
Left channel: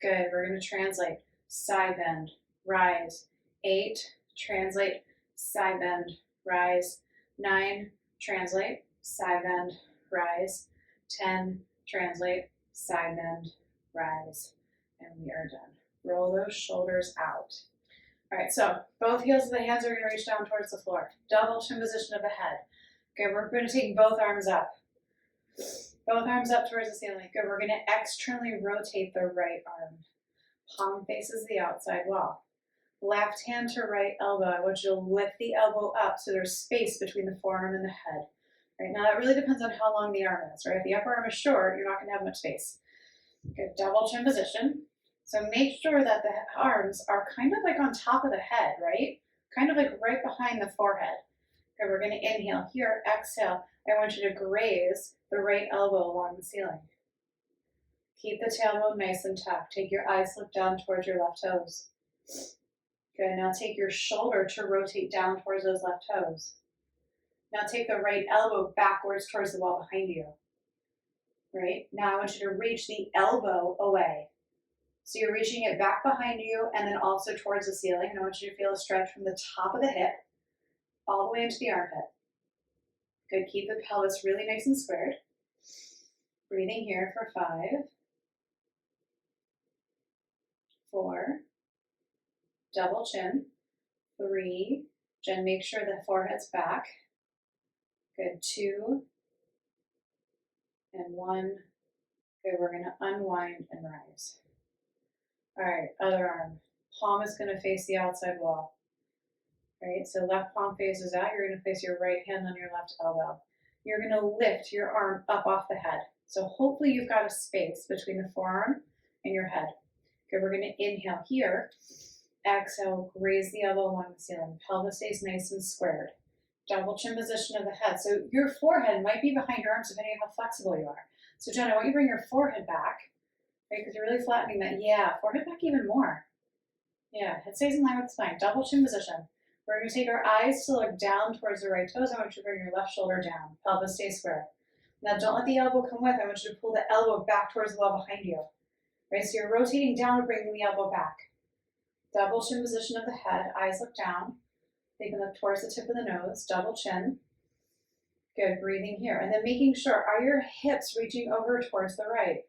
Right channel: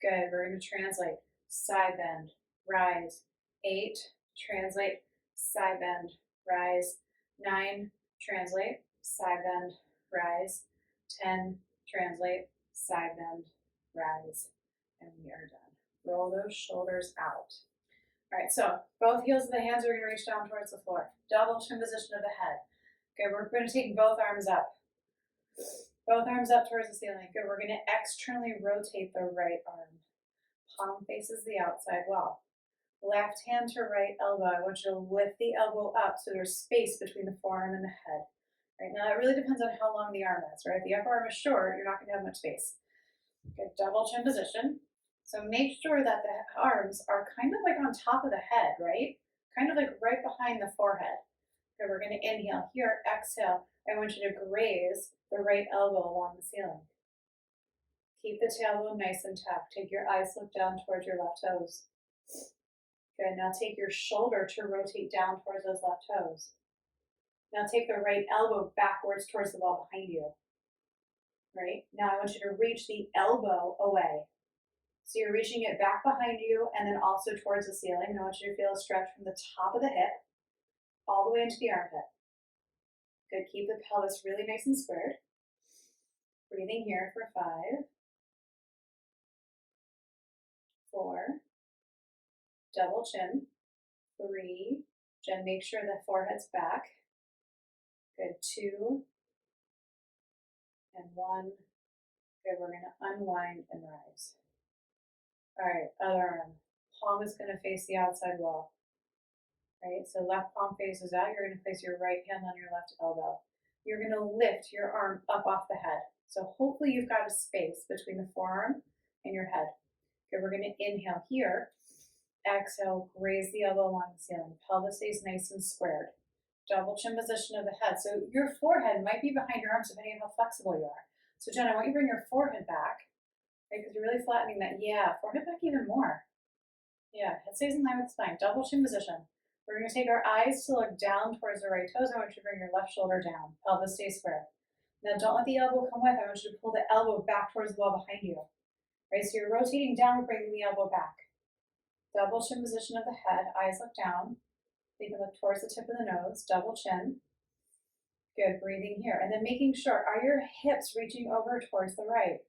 Good, we're gonna translate, side bend, rise. 8, translate, side bend, rise. 9, translate, side bend, rise. 10, translate, side bend, rise. And we are done. Roll those shoulders out. All right, so both heels of the hands are gonna reach down towards the floor. Double chin position of the head. Good, we're gonna take both arms up. Both arms up towards the ceiling. Good, we're gonna externally rotate the right arm. Palm faces the outside wall. Left hand to right elbow. I want you to lift the elbow up so there's space between the forearm and the head. Right now, that really depends on how long the arm is, right? If the upper arm is short, you're not gonna have much space. Good, double chin position. So make sure that the arms are kind of like on top of the head, right? Kind of like right behind the forehead. Okay, we're gonna inhale here, exhale. I want you to graze the right elbow along the ceiling. Keep the tailbone nice and tucked. Take your eyes look down towards your left toes. Good, now take your shoulder to rotate down towards those left toes. Now take the right elbow backwards towards the wall behind you. Right, now I want you to reach the elbow away. So you're reaching it back behind you and then also towards the ceiling. And I want you to feel a stretch from the top of the hip all the way into the armpit. Good, keep the pelvis really nice and squared. Breathing here for 5, 4, double chin, 3, Jen, make sure the forehead's back. Good, 2, and 1. Good, we're gonna unwind and rise. All right, other arm. Palm is gonna face the outside wall. Right, so left palm faces out. You're gonna place your right hand on your left elbow. You're gonna lift your arm up off the head. So hopefully you've got a space between the forearm and your head. Good, we're gonna inhale here. Exhale, raise the elbow along the ceiling. Pelvis stays nice and squared. Double chin position of the head. So your forehead might be behind your arms depending on how flexible you are. So Jen, I want you to bring your forehead back, right? Because you're really flattening that. Yeah, forehead back even more. Yeah, head stays in line with the spine. Double chin position. We're going to take our eyes to look down towards the right toes. I want you to bring your left shoulder down. Pelvis stays square. Now don't let the elbow come with. I want you to pull the elbow back towards the wall behind you. Right, so you're rotating down, bringing the elbow back. Double chin position of the head. Eyes look down. They can look towards the tip of the nose. Double chin. Good, breathing here. And then making sure, are your hips reaching over towards the right?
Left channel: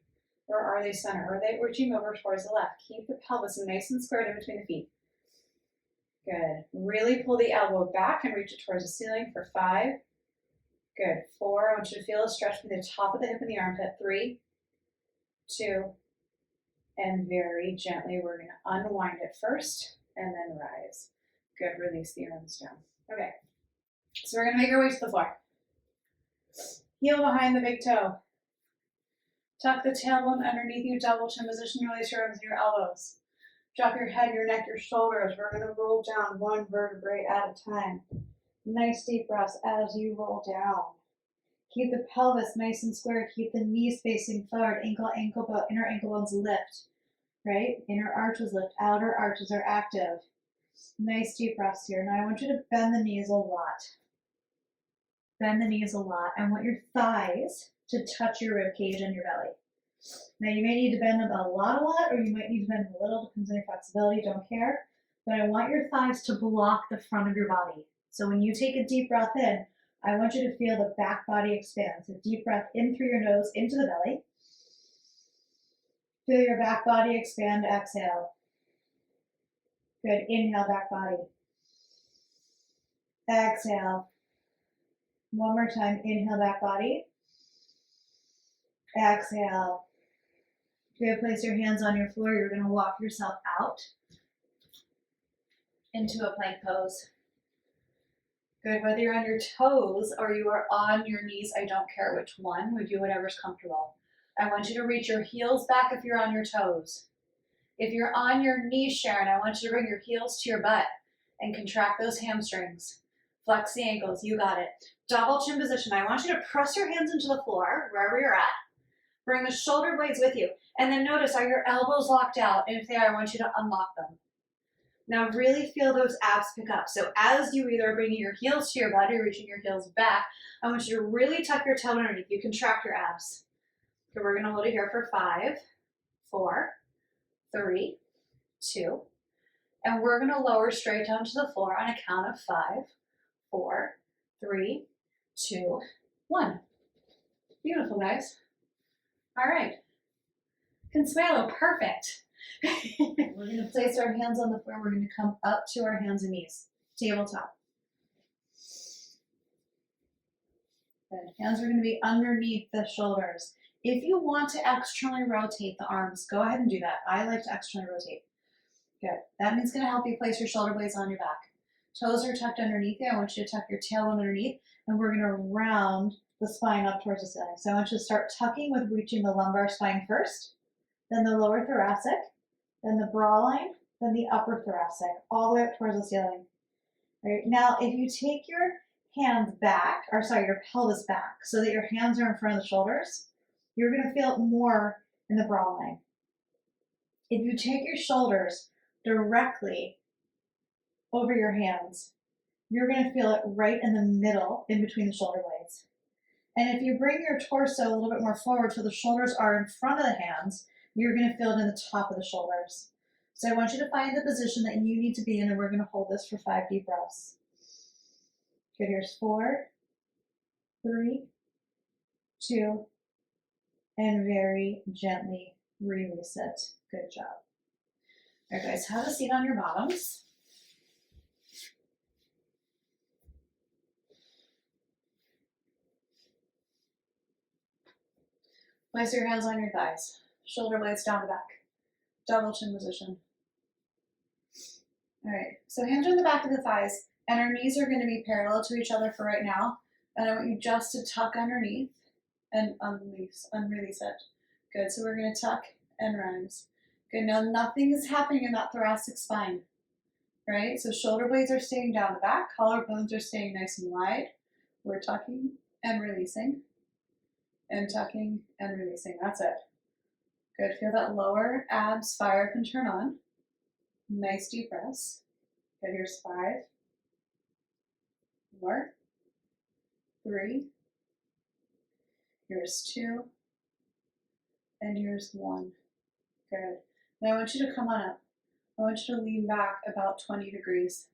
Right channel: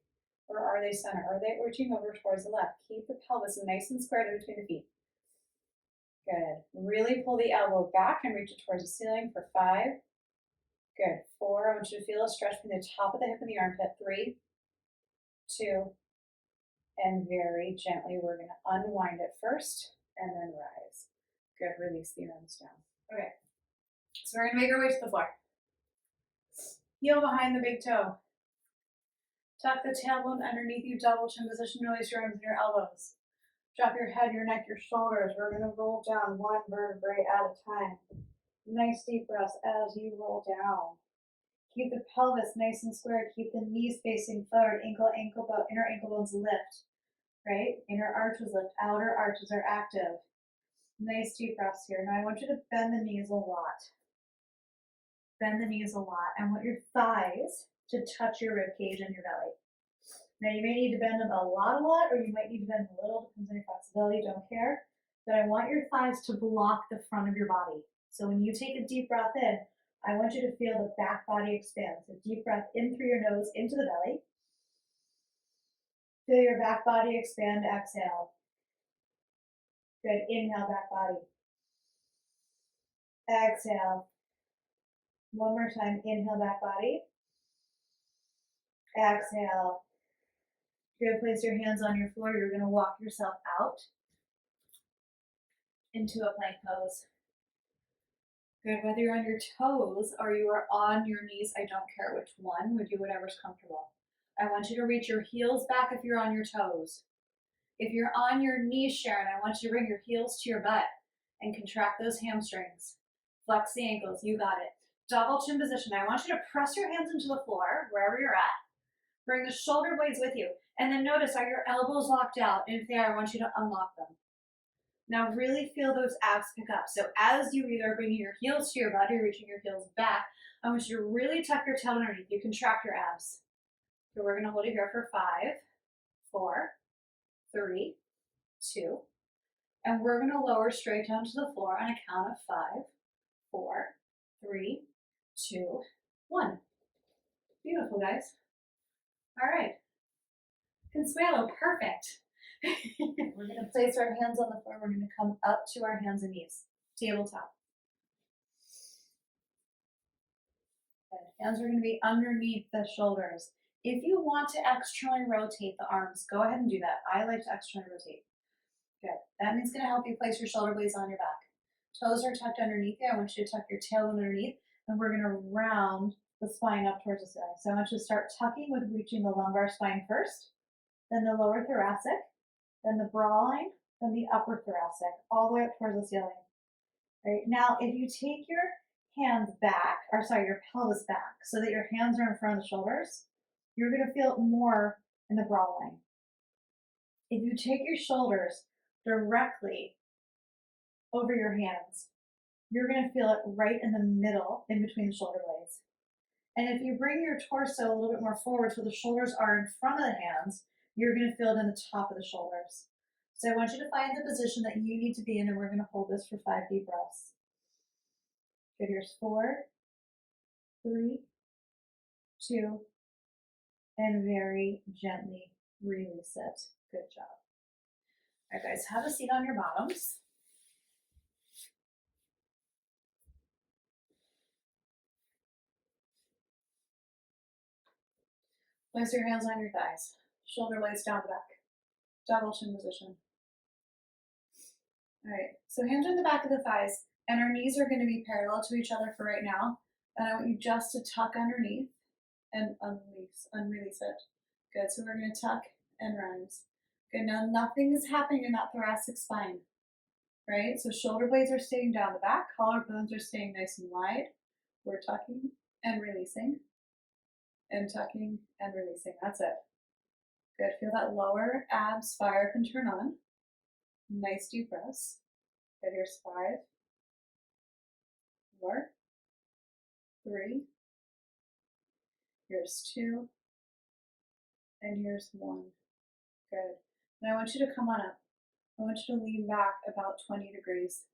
Or are they center? Are they reaching over towards the left? Keep the pelvis nice and squared in between the feet. Good. Really pull the elbow back and reach it towards the ceiling for 5. Good. 4. I want you to feel a stretch from the top of the hip and the armpit. 3, 2, and very gently we're going to unwind it first and then rise. Good. Release the arms down. Okay. So we're going to make our way to the floor. Heel behind the big toe. Tuck the tailbone underneath you. Double chin position. Release your arms and your elbows. Drop your head, your neck, your shoulders. We're going to roll down one vertebrae at a time. Nice deep breaths as you roll down. Keep the pelvis nice and square. Keep the knees facing forward. Ankle bone, inner ankle bones lift. Right? Inner arches lift. Outer arches are active. Nice deep breaths here. Now I want you to bend the knees a lot. Bend the knees a lot. I want your thighs to touch your rib cage and your belly. Now you may need to bend them a lot, or you might need to bend a little, depends on your flexibility, don't care. But I want your thighs to block the front of your body. So when you take a deep breath in, I want you to feel the back body expand. So deep breath in through your nose into the belly. Feel your back body expand, exhale. Good, inhale, back body. Exhale. One more time, inhale, back body. Exhale. Good, place your hands on your floor. You're gonna walk yourself out into a plank pose. Good, whether you're on your toes or you are on your knees, I don't care which one, we do whatever's comfortable. I want you to reach your heels back if you're on your toes. If you're on your knees, Sharon, I want you to bring your heels to your butt and contract those hamstrings. Flex the ankles, you got it. Double chin position. I want you to press your hands into the floor, wherever you're at. Bring the shoulder blades with you. And then notice, are your elbows locked out? And if they are, I want you to unlock them. Now really feel those abs pick up. So as you either are bringing your heels to your butt or reaching your heels back, I want you to really tuck your tail underneath. You contract your abs. So we're gonna hold it here for 5, 4, 3, 2, and we're gonna lower straight down to the floor on a count of 5, 4, 3, 2, 1. Beautiful, guys. All right. Consuelo, perfect. We're gonna place our hands on the floor. We're gonna come up to our hands and knees, tabletop. Good. Hands are gonna be underneath the shoulders. If you want to externally rotate the arms, go ahead and do that. I like to externally rotate. Good. That means gonna help you place your shoulder blades on your back. Toes are tucked underneath you. I want you to tuck your tailbone underneath, and we're gonna round the spine up towards the ceiling. So I want you to start tucking with reaching the lumbar spine first, then the lower thoracic, then the brow line, then the upper thoracic, all the way up towards the ceiling. All right. Now, if you take your hands back, or sorry, your pelvis back, so that your hands are in front of the shoulders, you're gonna feel it more in the brow line. If you take your shoulders directly over your hands, you're gonna feel it right in the middle, in between the shoulder blades. And if you bring your torso a little bit more forward so the shoulders are in front of the hands, you're gonna feel it in the top of the shoulders. So I want you to find the position that you need to be in, and we're gonna hold this for 5 deep breaths. Good, here's 4, 3, 2, and very gently release it. Good job. All right, guys, have a seat on your bottoms. Place your hands on your thighs, shoulder blades down the back, double chin position. All right, so hands are in the back of the thighs, and our knees are going to be parallel to each other for right now. And I want you just to tuck underneath and unrelease it. Good, so we're going to tuck and rise. Good, now nothing is happening in that thoracic spine, right? So shoulder blades are staying down the back, collarbones are staying nice and wide. We're tucking and releasing, and tucking and releasing. That's it. Good, feel that lower abs fire up and turn on. Nice deep breaths. Good, here's 5, 4, 3, here's 2, and here's 1. Good. Now I want you to come on up. I want you to lean back about 20 degrees.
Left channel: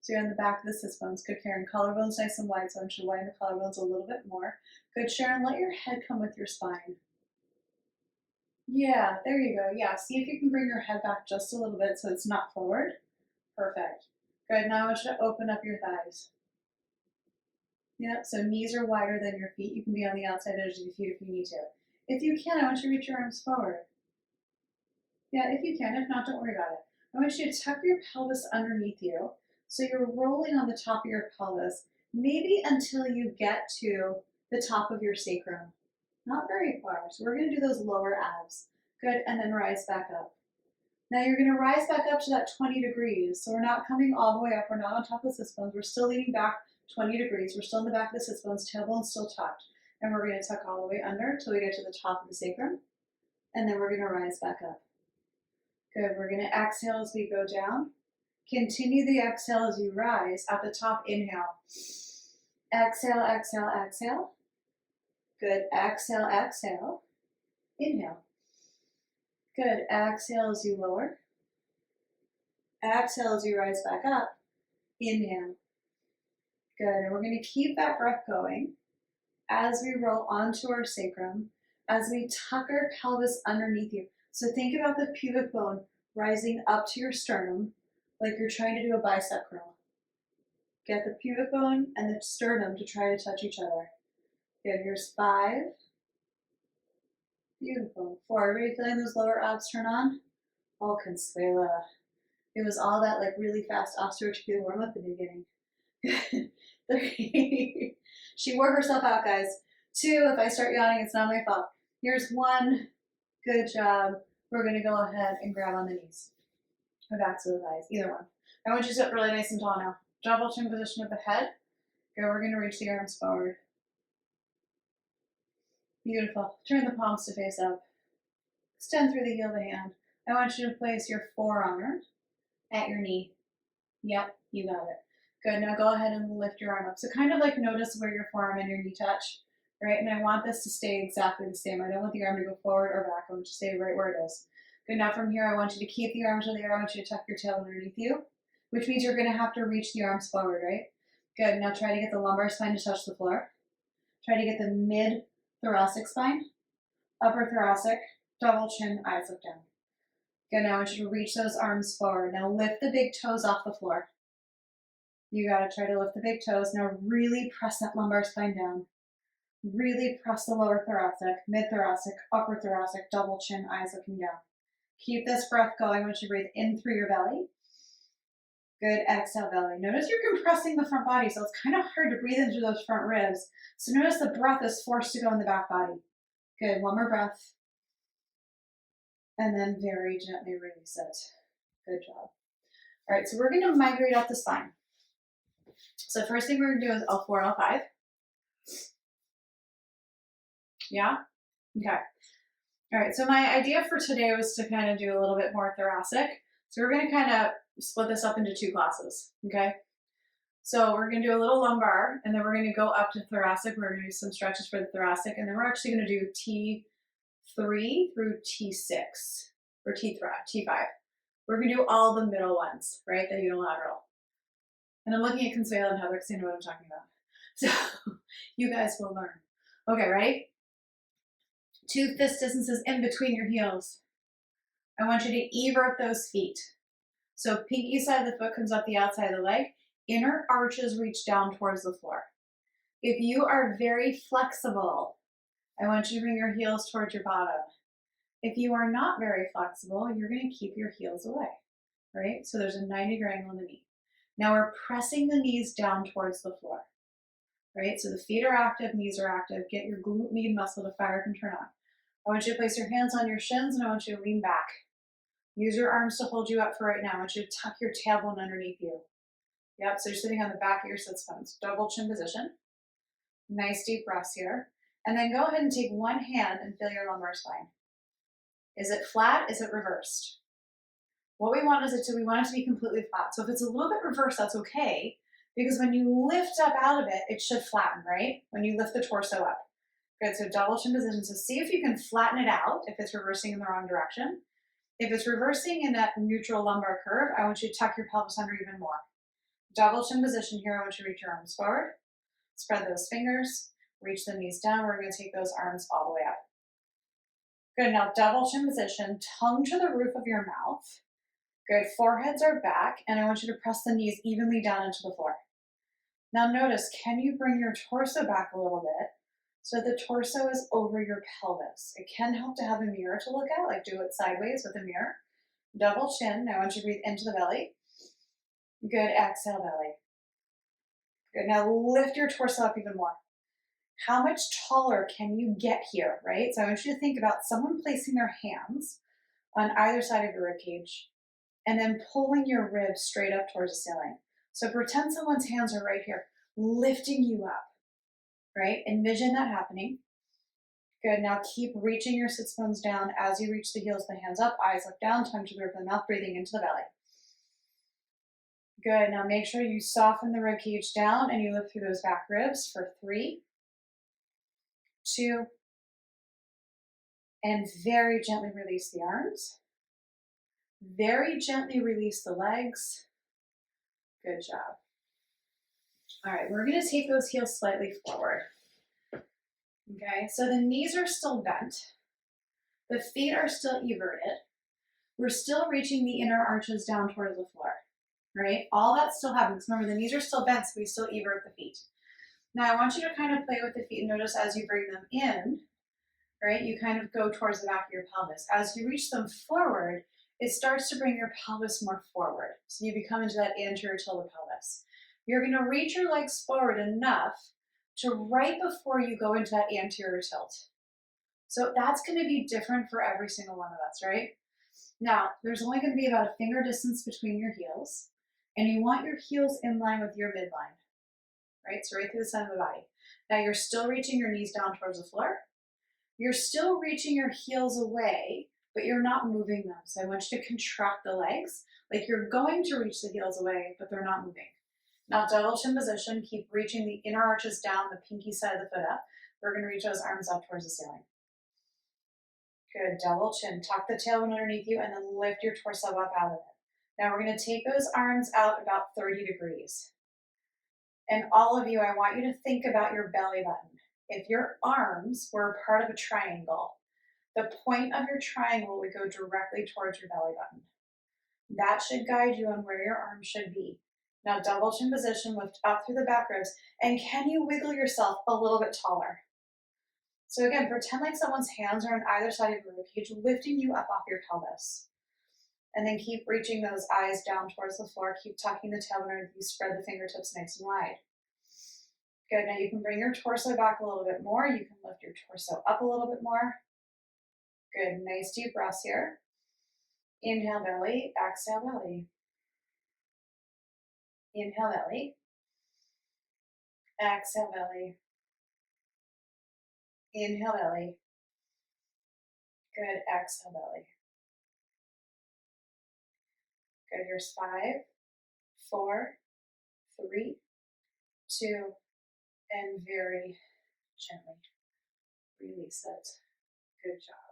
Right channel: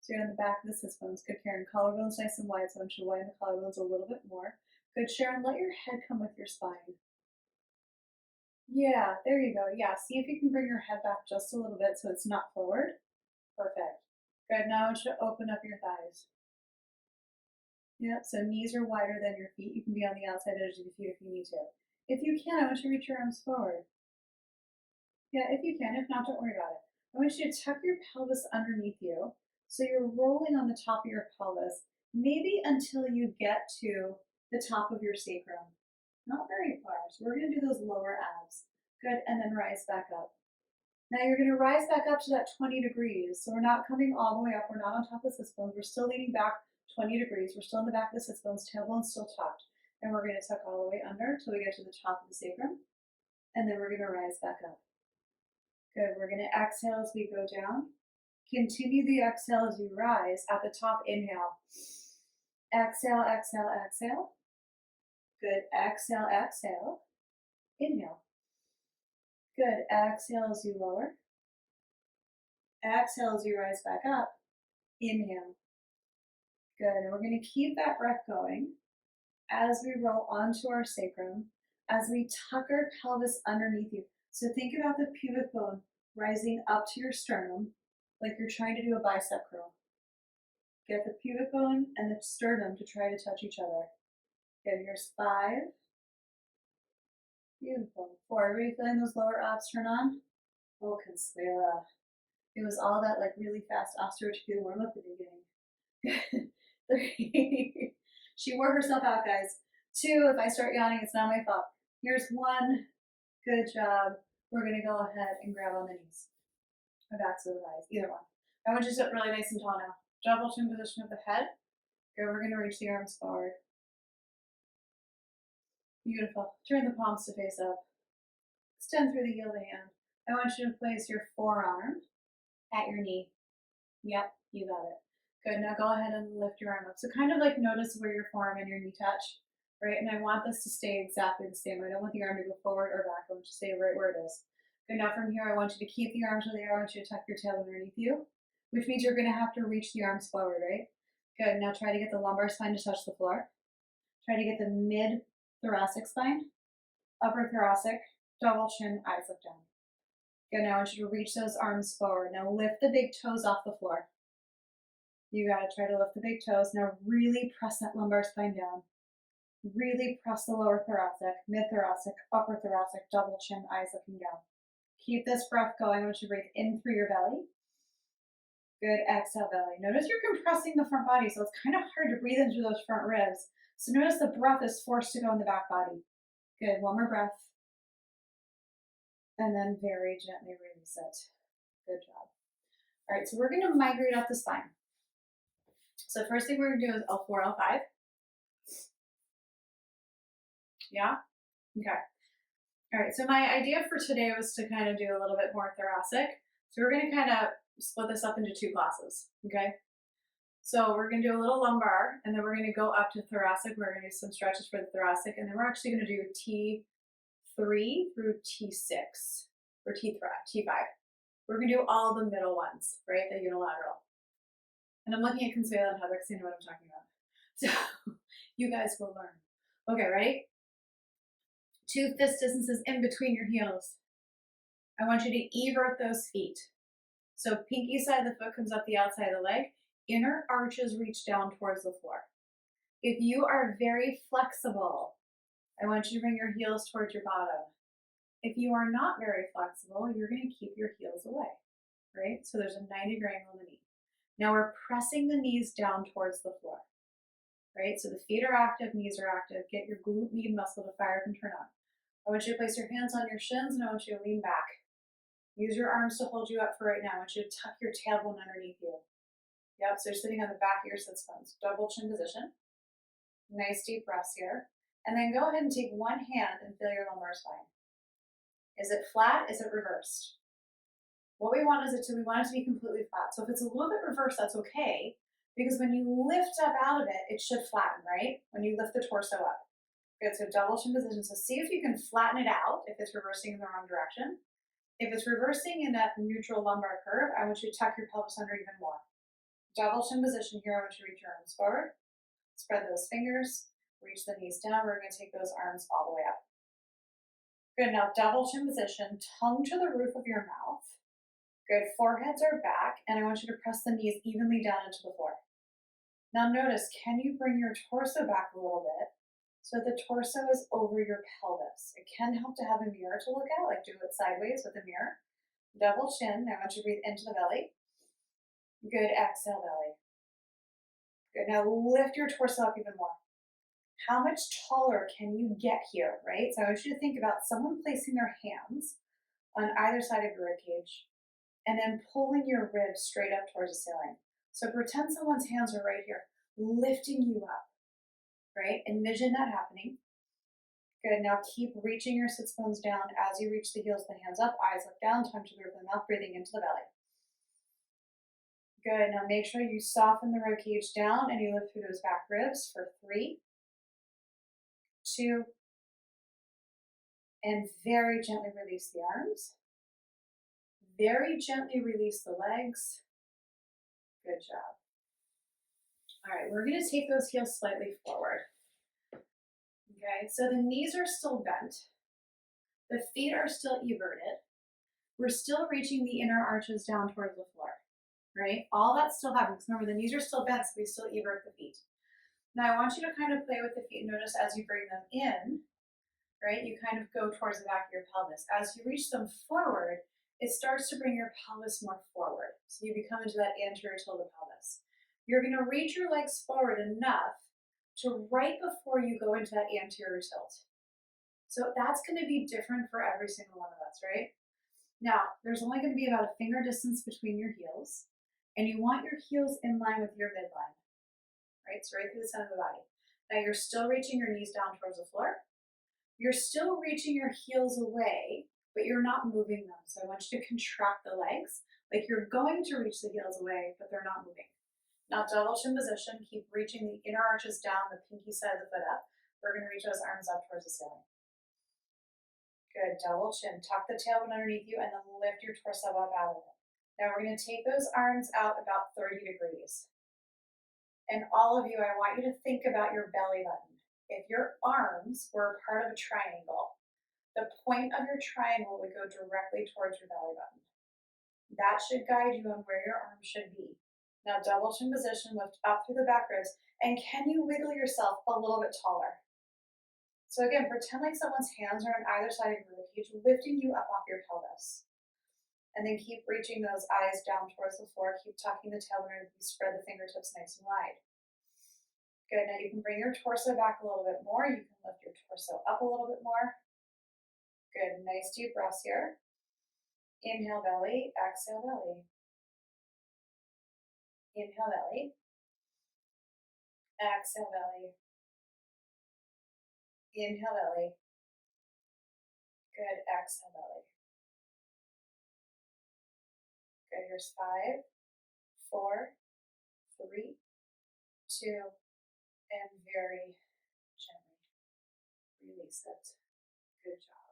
So you're on the back of the sits bones. Good, Karen. Collarbones nice and wide, so I want you to widen the collarbones a little bit more. Good, Sharon. Let your head come with your spine. Yeah, there you go. Yeah, see if you can bring your head back just a little bit so it's not forward. Perfect. Good, now I want you to open up your thighs. Yeah, so knees are wider than your feet. You can be on the outside edge of your feet if you need to. If you can, I want you to reach your arms forward. Yeah, if you can. If not, don't worry about it. I want you to tuck your pelvis underneath you. So you're rolling on the top of your pelvis, maybe until you get to the top of your sacrum. Not very far. So we're going to do those lower abs. Good, and then rise back up. Now you're going to rise back up to that 20 degrees. So we're not coming all the way up. We're not on top of the sits bones. We're still leaning back 20 degrees. We're still in the back of the sits bones. Tailbone's still tucked. And we're going to tuck all the way under until we get to the top of the sacrum. And then we're going to rise back up. Good. We're going to exhale as we go down. Continue the exhale as you rise. At the top, inhale. Exhale, exhale, exhale. Good. Exhale, exhale. Inhale. Good. Exhale as you lower. Exhale as you rise back up. Inhale. Good. And we're going to keep that breath going as we roll onto our sacrum, as we tuck our pelvis underneath you. So think about the pubic bone rising up to your sternum like you're trying to do a bicep curl. Get the pubic bone and the sternum to try to touch each other. Good. Here's 5. Beautiful. 4. Everybody feeling those lower abs turn on? Oh, Consuela. It was all that like really fast osteoarticlar warm up in the beginning. 3. She wore herself out, guys. 2. If I start yawning, it's not my fault. Here's 1. Good job. We're going to go ahead and grab on the knees or backs of the thighs, either one. I want you to sit really nice and tall now. Double chin position of the head. Good. We're going to reach the arms forward. Beautiful. Turn the palms to face up. Extend through the heel of the hand. I want you to place your forearm at your knee. Yep, you got it. Good. Now go ahead and lift your arm up. So kind of like notice where your forearm and your knee touch, right? And I want this to stay exactly the same. I don't want the arm to go forward or back. I want you to stay right where it is. Good. Now from here, I want you to keep the arms where they are. I want you to tuck your tail underneath you, which means you're going to have to reach the arms forward, right? Good. Now try to get the lumbar spine to touch the floor. Try to get the mid-thoracic spine, upper thoracic, double chin, eyes look down. Good. Now I want you to reach those arms forward. Now lift the big toes off the floor. You got to try to lift the big toes. Now really press that lumbar spine down. Really press the lower thoracic, mid-thoracic, upper thoracic, double chin, eyes looking down. Keep this breath going. I want you to breathe in through your belly. Good. Exhale, belly. Notice you're compressing the front body, so it's kind of hard to breathe into those front ribs. So notice the breath is forced to go in the back body. Good. One more breath. And then very gently release it. Good job. All right, so we're going to migrate up the spine. So first thing we're going to do is L4, L5. Yeah? Okay. All right, so my idea for today was to kind of do a little bit more thoracic. So we're going to kind of split this up into 2 classes, okay? So we're going to do a little lumbar, and then we're going to go up to thoracic. We're going to do some stretches for the thoracic, and then we're actually going to do T3 through T6, or T5. We're going to do all the middle ones, right, the unilateral. And I'm looking at Consuela and Heather because they know what I'm talking about. So you guys will learn. Okay, ready? 2 fist distances in between your heels. I want you to evert those feet. So pinky side of the foot comes up the outside of the leg. Inner arches reach down towards the floor. If you are very flexible, I want you to bring your heels towards your bottom. If you are not very flexible, you're going to keep your heels away, right? So there's a 90-degree angle in the knee. Now we're pressing the knees down towards the floor, right? So the feet are active, knees are active. Get your glute med muscle to fire up and turn on. I want you to place your hands on your shins and I want you to lean back. Use your arms to hold you up for right now. I want you to tuck your tailbone underneath you. Yep, so you're sitting on the back of your sits bones. Double chin position. Nice deep breaths here. And then go ahead and take one hand and feel your lumbar spine. Is it flat? Is it reversed? What we want is we want it to be completely flat. So if it's a little bit reversed, that's okay. Because when you lift up out of it, it should flatten, right? When you lift the torso up. Good, so double chin position. So see if you can flatten it out if it's reversing in the wrong direction. If it's reversing in that neutral lumbar curve, I want you to tuck your pelvis under even more. Double chin position here. I want you to reach your arms forward. Spread those fingers. Reach the knees down. We're going to take those arms all the way up. Good, now double chin position. Tongue to the roof of your mouth. Good, foreheads are back. And I want you to press the knees evenly down into the floor. Now notice, can you bring your torso back a little bit so the torso is over your pelvis? It can help to have a mirror to look at, like do it sideways with a mirror. Double chin. Now I want you to breathe into the belly. Good, exhale belly. Good, now lift your torso up even more. How much taller can you get here, right? So I want you to think about someone placing their hands on either side of your rib cage and then pulling your ribs straight up towards the ceiling. So pretend someone's hands are right here, lifting you up, right? Envision that happening. Good, now keep reaching your sits bones down as you reach the heels, the hands up, eyes look down, tongue to the roof of the mouth, breathing into the belly. Good, now make sure you soften the rib cage down and you lift through those back ribs for 3, 2, And very gently release the arms. Very gently release the legs. Good job. All right, we're gonna take those heels slightly forward. Okay, so the knees are still bent. The feet are still everted. We're still reaching the inner arches down towards the floor, right? All that still happens. Remember, the knees are still bent, so we still evert the feet. Now I want you to kind of play with the feet. Notice as you bring them in, right, you kind of go towards the back of your pelvis. As you reach them forward, it starts to bring your pelvis more forward. So you become into that anterior tilt of pelvis. You're going to reach your legs forward enough to right before you go into that anterior tilt. So that's going to be different for every single one of us, right? Now, there's only going to be about a finger distance between your heels, and you want your heels in line with your midline, right? So right through the center of the body. Now you're still reaching your knees down towards the floor. You're still reaching your heels away, but you're not moving them. So I want you to contract the legs like you're going to reach the heels away, but they're not moving. Now double chin position, keep reaching the inner arches down, the pinky side of the foot up. We're going to reach those arms up towards the ceiling. Good, double chin. Tuck the tailbone underneath you and then lift your torso up out of it. Now we're going to take those arms out about 30 degrees. And all of you, I want you to think about your belly button. If your arms were a part of a triangle, the point of your triangle would go directly towards your belly button. That should guide you on where your arms should be. Now double chin position, lift up through the back ribs, and can you wiggle yourself a little bit taller? So again, pretend like someone's hands are on either side of your ribcage, lifting you up off your pelvis. And then keep reaching those eyes down towards the floor. Keep tucking the tailbone underneath you, spread the fingertips nice and wide. Good, now you can bring your torso back a little bit more. You can lift your torso up a little bit more. Good, nice deep breaths here. Inhale belly, exhale belly. Inhale belly. Exhale belly. Inhale belly. Good, exhale belly. Good, here's 5, 4, 3, 2, and very gently release it. Good job.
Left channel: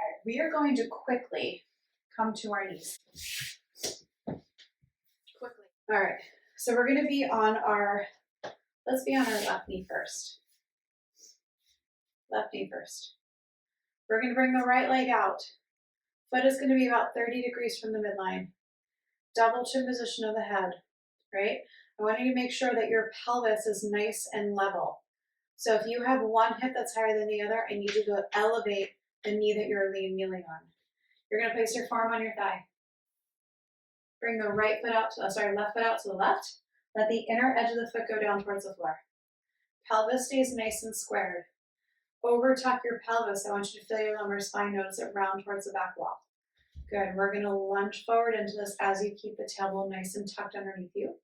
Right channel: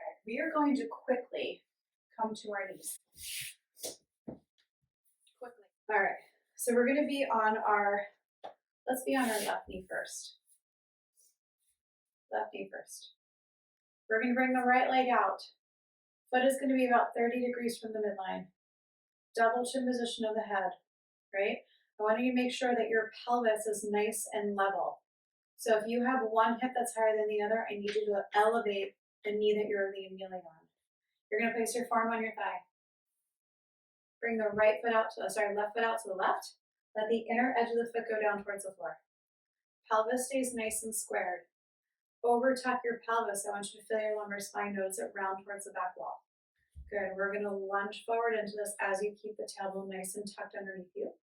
All right, we are going to quickly come to our knees. Quickly. All right, so we're going to be on our, let's be on our left knee first. Left knee first. We're going to bring the right leg out. Foot is going to be about 30 degrees from the midline. Double chin position of the head, right? I want you to make sure that your pelvis is nice and level. So if you have one hip that's higher than the other, I need you to elevate the knee that you're kneeling on. You're going to place your forearm on your thigh. Bring the left foot out to the left. Let the inner edge of the foot go down towards the floor. Pelvis stays nice and squared. Over tuck your pelvis. I want you to feel your lumbar spine. Notice it round towards the back wall. Good. We're going to lunge forward into this as you keep the tailbone nice and tucked underneath you.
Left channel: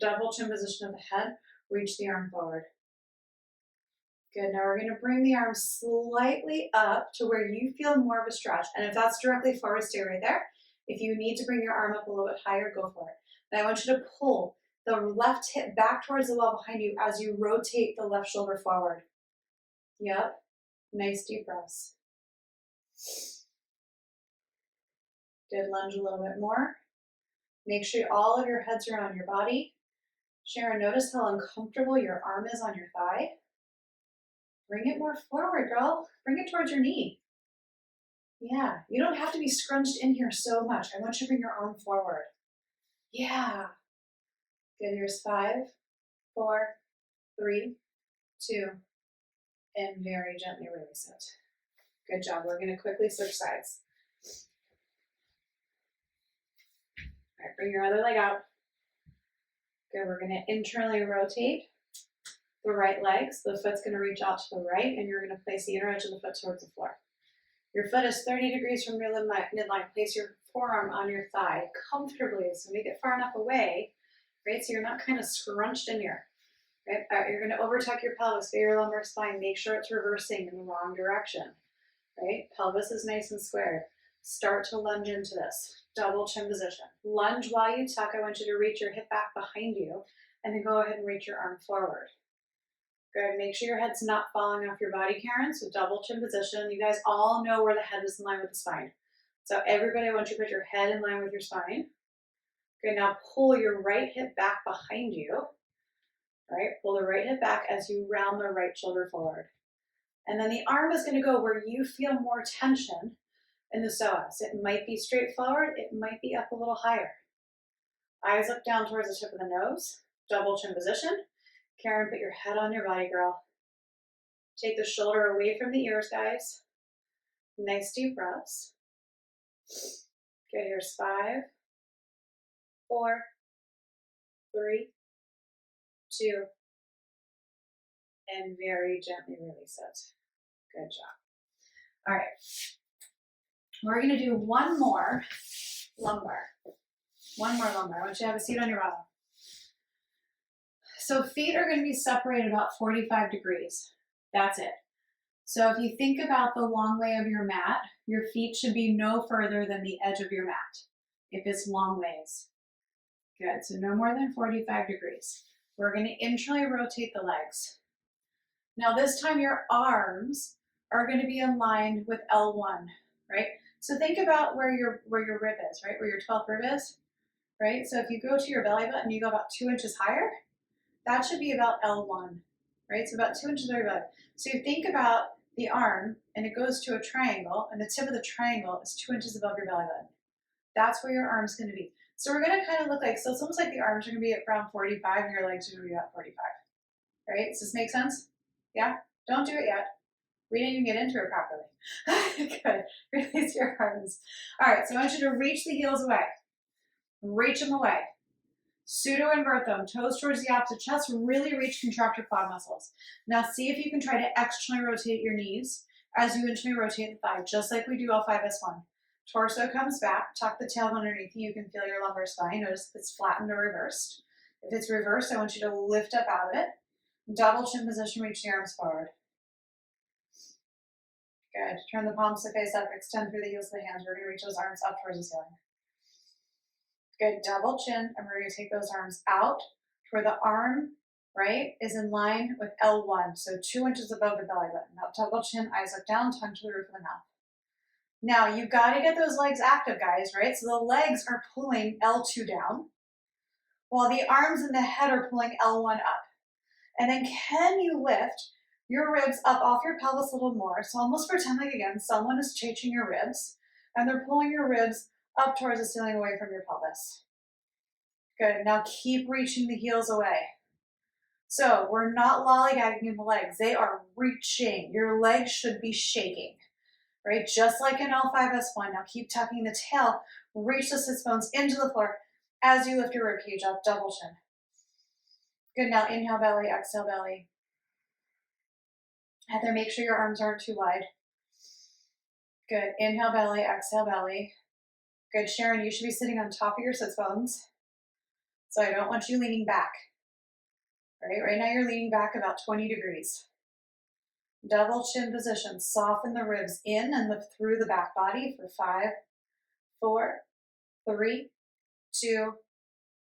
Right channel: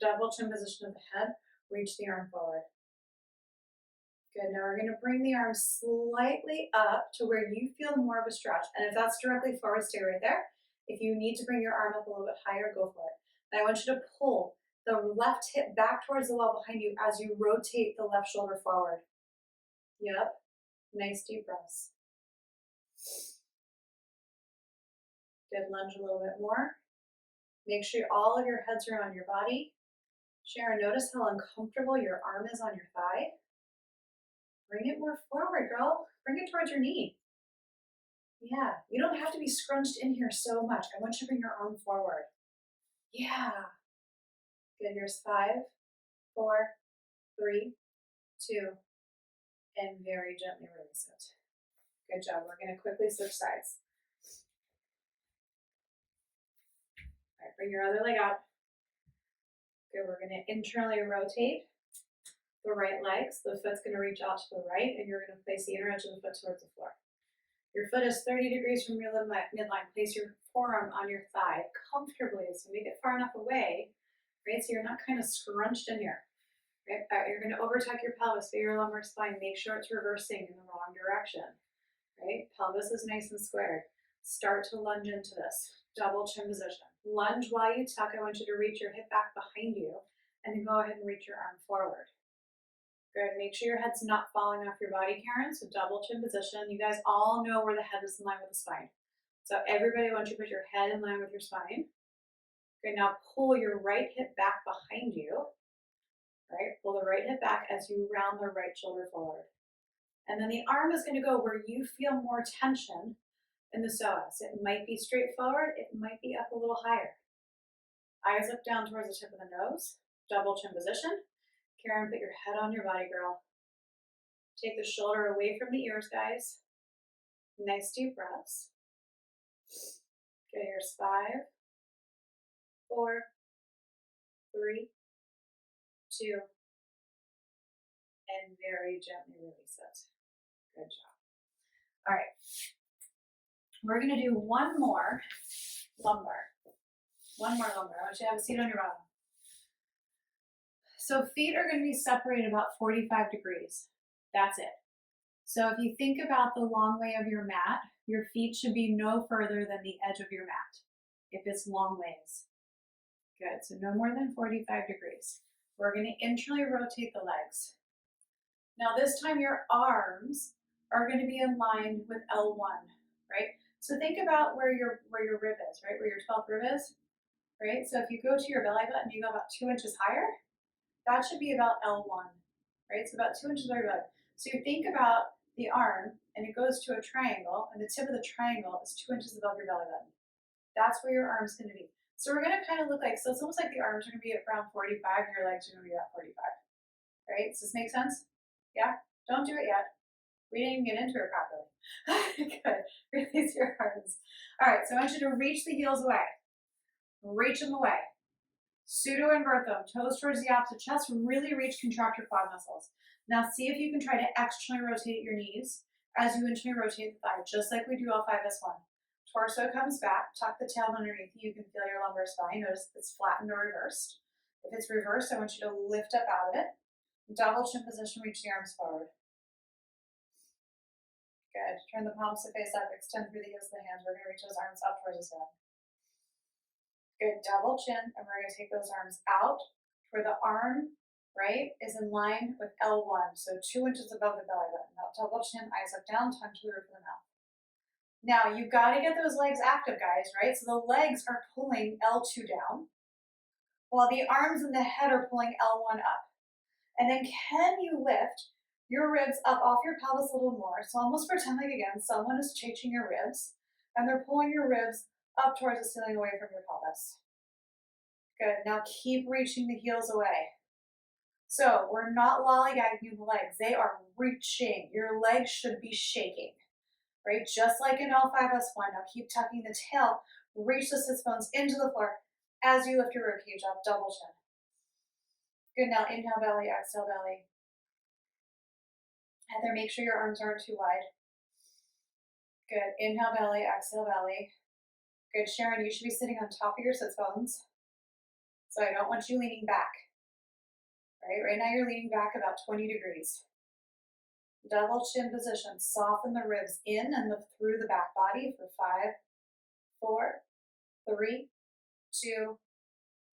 Double chin position of the head. Reach the arm forward. Good. Now we're going to bring the arm slightly up to where you feel more of a stretch. And if that's directly forward, stay right there. If you need to bring your arm up a little bit higher, go for it. And I want you to pull the left hip back towards the wall behind you as you rotate the left shoulder forward. Yep. Nice deep breaths. Good. Lunge a little bit more. Make sure all of your heads are on your body. Sharon, notice how uncomfortable your arm is on your thigh. Bring it more forward, girl. Bring it towards your knee. Yeah, you don't have to be scrunched in here so much. I want you to bring your arm forward. Yeah. Good, here's 5, 4, 3, 2, and very gently release it. Good job. We're going to quickly switch sides. All right, bring your other leg out. Good, we're going to internally rotate the right leg. So the foot's going to reach out to the right, and you're going to place the inner edge of the foot towards the floor. Your foot is 30 degrees from your midline. Place your forearm on your thigh comfortably. So make it far enough away, right? So you're not kind of scrunched in here, right? You're going to overtuck your pelvis, feel your lumbar spine. Make sure it's reversing in the wrong direction, right? Pelvis is nice and squared. Start to lunge into this. Double chin position. Lunge while you tuck. I want you to reach your hip back behind you, and then go ahead and reach your arm forward. Good. Make sure your head's not falling off your body, Karen. So double chin position. You guys all know where the head is in line with the spine. So everybody, I want you to put your head in line with your spine. Good. Now pull your right hip back behind you. All right. Pull the right hip back as you round the right shoulder forward. And then the arm is going to go where you feel more tension in the psoas. It might be straight forward. It might be up a little higher. Eyes up down towards the tip of the nose. Double chin position. Karen, put your head on your body, girl. Take the shoulder away from the ears, guys. Nice deep breaths. Good, here's 5, 4, 3, 2, and very gently release it. Good job. All right. We're going to do one more lumbar. One more lumbar. I want you to have a seat on your bottom. So feet are going to be separated about 45 degrees. That's it. So if you think about the long way of your mat, your feet should be no further than the edge of your mat, if it's long ways. Good, so no more than 45 degrees. We're going to internally rotate the legs. Now this time your arms are going to be aligned with L1, right? So think about where your rib is, right? Where your 12th rib is, right? So if you go to your belly button, you go about 2 inches higher, that should be about L1, right? So about 2 inches over your belly. So you think about the arm, and it goes to a triangle, and the tip of the triangle is 2 inches above your belly button. That's where your arm's going to be. So we're going to kind of look like, so it's almost like the arms are going to be at around 45, and your legs are going to be about 45, right? Does this make sense? Yeah? Don't do it yet. We didn't even get into it properly. Good. Release your arms. All right, so I want you to reach the heels away. Reach them away. Pseudo invert them, toes towards the opposite chest, really reach, contract your quad muscles. Now see if you can try to externally rotate your knees as you internally rotate the thigh, just like we do L5S1. Torso comes back, tuck the tail underneath you, you can feel your lumbar spine. Notice if it's flattened or reversed. If it's reversed, I want you to lift up out of it. Double chin position, reach the arms forward. Good, turn the palms to face up, extend through the heels of the hands. We're gonna reach those arms up towards the ceiling. Good, double chin, and we're going to take those arms out where the arm, right, is in line with L1, so 2 inches above the belly button. Now double chin, eyes up down, tongue to the roof of the mouth. Now you've got to get those legs active, guys, right? So the legs are pulling L2 down, while the arms and the head are pulling L1 up. And then can you lift your ribs up off your pelvis a little more? So almost pretend like, again, someone is changing your ribs, and they're pulling your ribs up towards the ceiling away from your pelvis. Good, now keep reaching the heels away. So we're not lollygagging in the legs, they are reaching. Your legs should be shaking, right? Just like in L5S1. Now keep tucking the tail, reach the sits bones into the floor as you lift your rib cage up, double chin. Good, now inhale belly, exhale belly. Heather, make sure your arms aren't too wide. Good, inhale belly, exhale belly. Good, Sharon, you should be sitting on top of your sits bones. So I don't want you leaning back. Right now you're leaning back about 20 degrees. Double chin position, soften the ribs in and lift through the back body for 5, 4, 3, 2,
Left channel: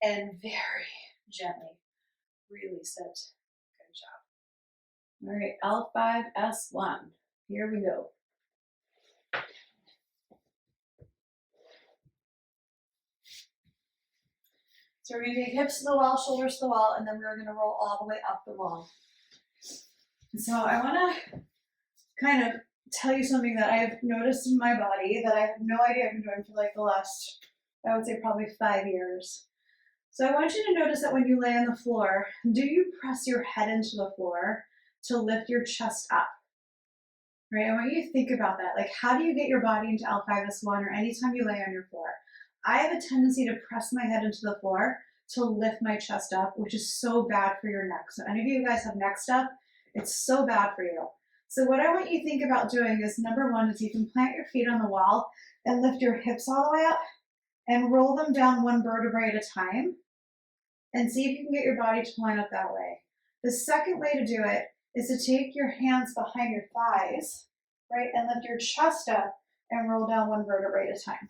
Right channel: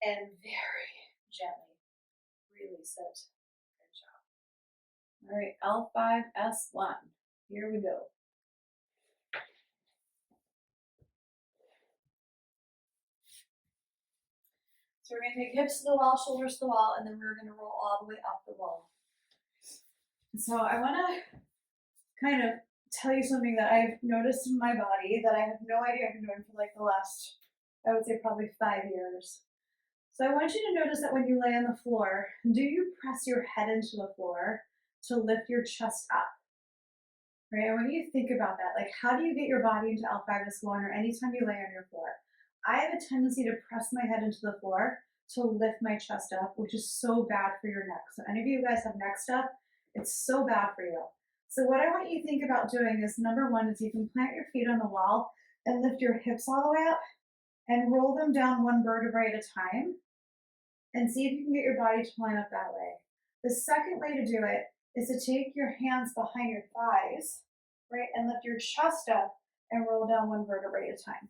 and very gently release it. Good job. All right, L5S1. Here we go. So we're going to take hips to the wall, shoulders to the wall, and then we're going to roll all the way up the wall. So I want to kind of tell you something that I've noticed in my body that I have no idea I've been doing for like the last, I would say probably 5 years. So I want you to notice that when you lay on the floor, do you press your head into the floor to lift your chest up? Right? I want you to think about that. Like, how do you get your body into L5S1 or anytime you lay on your floor? I have a tendency to press my head into the floor to lift my chest up, which is so bad for your neck. So any of you guys have neck stuff, it's so bad for you. So what I want you to think about doing is, number one, is you can plant your feet on the wall and lift your hips all the way up and roll them down one vertebrae at a time and see if you can get your body to line up that way. The second way to do it is to take your hands behind your thighs, right, and lift your chest up and roll down one vertebrae at a time.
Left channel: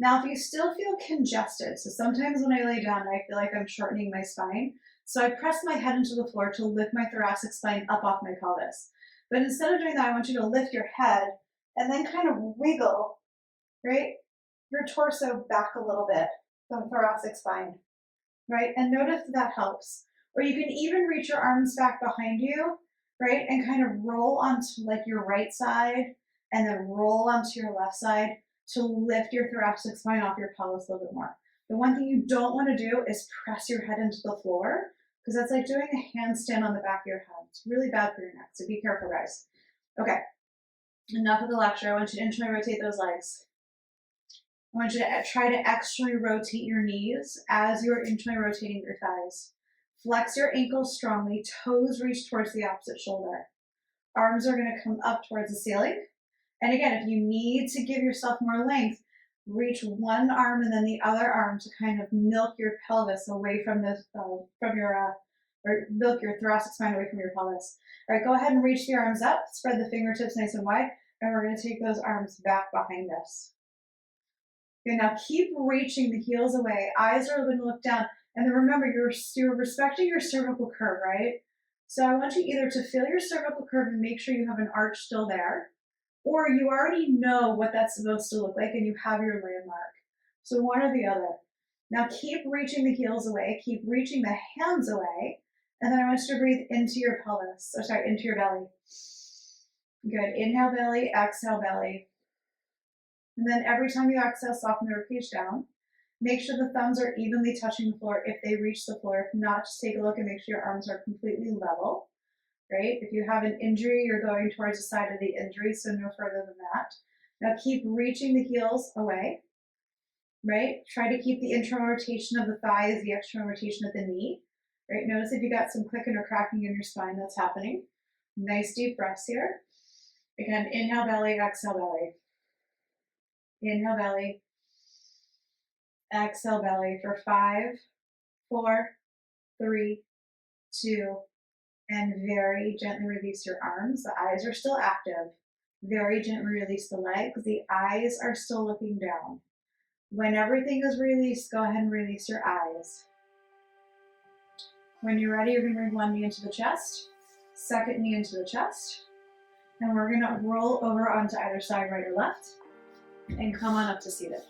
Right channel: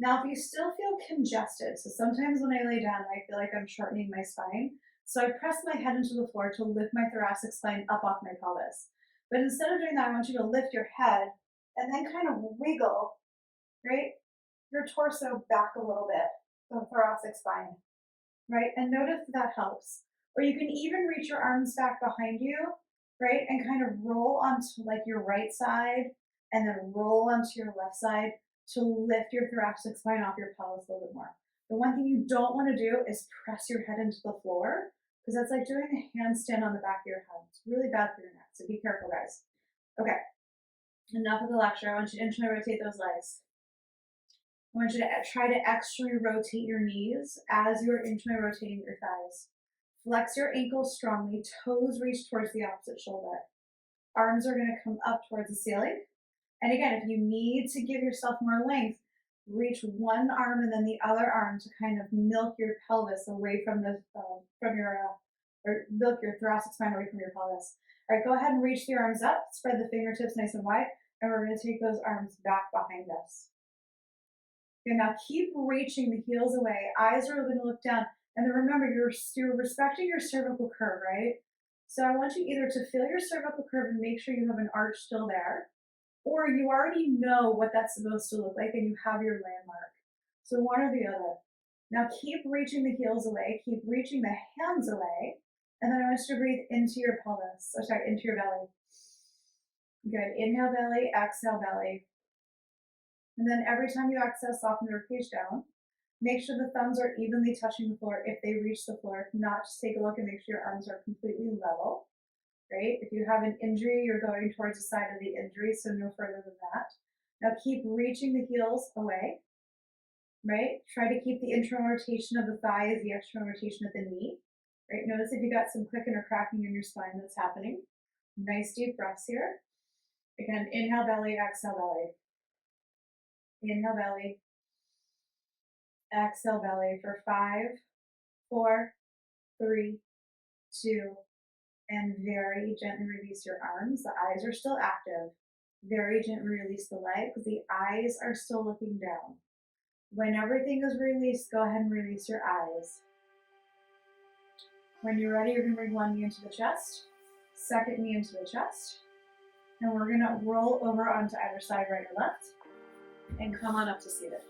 Now, if you still feel congested, so sometimes when I lay down, I feel like I'm shortening my spine. So I press my head into the floor to lift my thoracic spine up off my pelvis. But instead of doing that, I want you to lift your head and then kind of wiggle, right, your torso back a little bit, the thoracic spine, right? And notice that helps. Or you can even reach your arms back behind you, right? And kind of roll onto like your right side and then roll onto your left side to lift your thoracic spine off your pelvis a little bit more. The one thing you don't want to do is press your head into the floor because that's like doing a handstand on the back of your head. It's really bad for your neck, so be careful, guys. Okay, enough of the lecture. I want you to internally rotate those legs. I want you to try to externally rotate your knees as you're internally rotating your thighs. Flex your ankles strongly, toes reach towards the opposite shoulder. Arms are going to come up towards the ceiling. And again, if you need to give yourself more length, reach one arm and then the other arm to kind of milk your pelvis away from the or milk your thoracic spine away from your pelvis. All right, go ahead and reach the arms up, spread the fingertips nice and wide, and we're going to take those arms back behind us. Okay, now keep reaching the heels away. Eyes are going to look down. And then remember, you're respecting your cervical curve, right? So I want you either to feel your cervical curve and make sure you have an arch still there, or you already know what that's supposed to look like and you have your landmark. So one or the other. Now keep reaching the heels away, keep reaching the hands away, and then I want you to breathe into your pelvis, into your belly. Good, inhale belly, exhale belly. And then every time you exhale, soften the ribcage down. Make sure the thumbs are evenly touching the floor if they reach the floor. If not, just take a look and make sure your arms are completely level, right? If you have an injury, you're going towards the side of the injury, so no further than that. Now keep reaching the heels away, right? Try to keep the internal rotation of the thigh as the external rotation of the knee, right? Notice if you got some clicking or cracking in your spine, that's happening. Nice deep breaths here. Again, inhale belly, exhale belly. Inhale belly, exhale belly for 5, 4, 3, 2, and very gently release your arms. The eyes are still active. Very gently release the legs. The eyes are still looking down. When everything is released, go ahead and release your eyes. When you're ready, you're going to bring one knee into the chest, second knee into the chest, and we're going to roll over onto either side, right or left, and come on up to seated.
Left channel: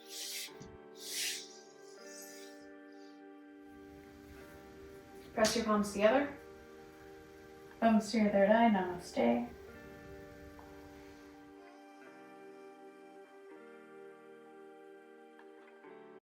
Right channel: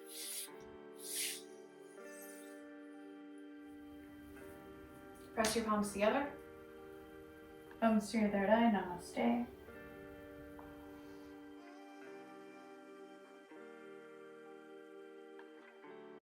Press your palms together. Thumbs to your third eye, namaste.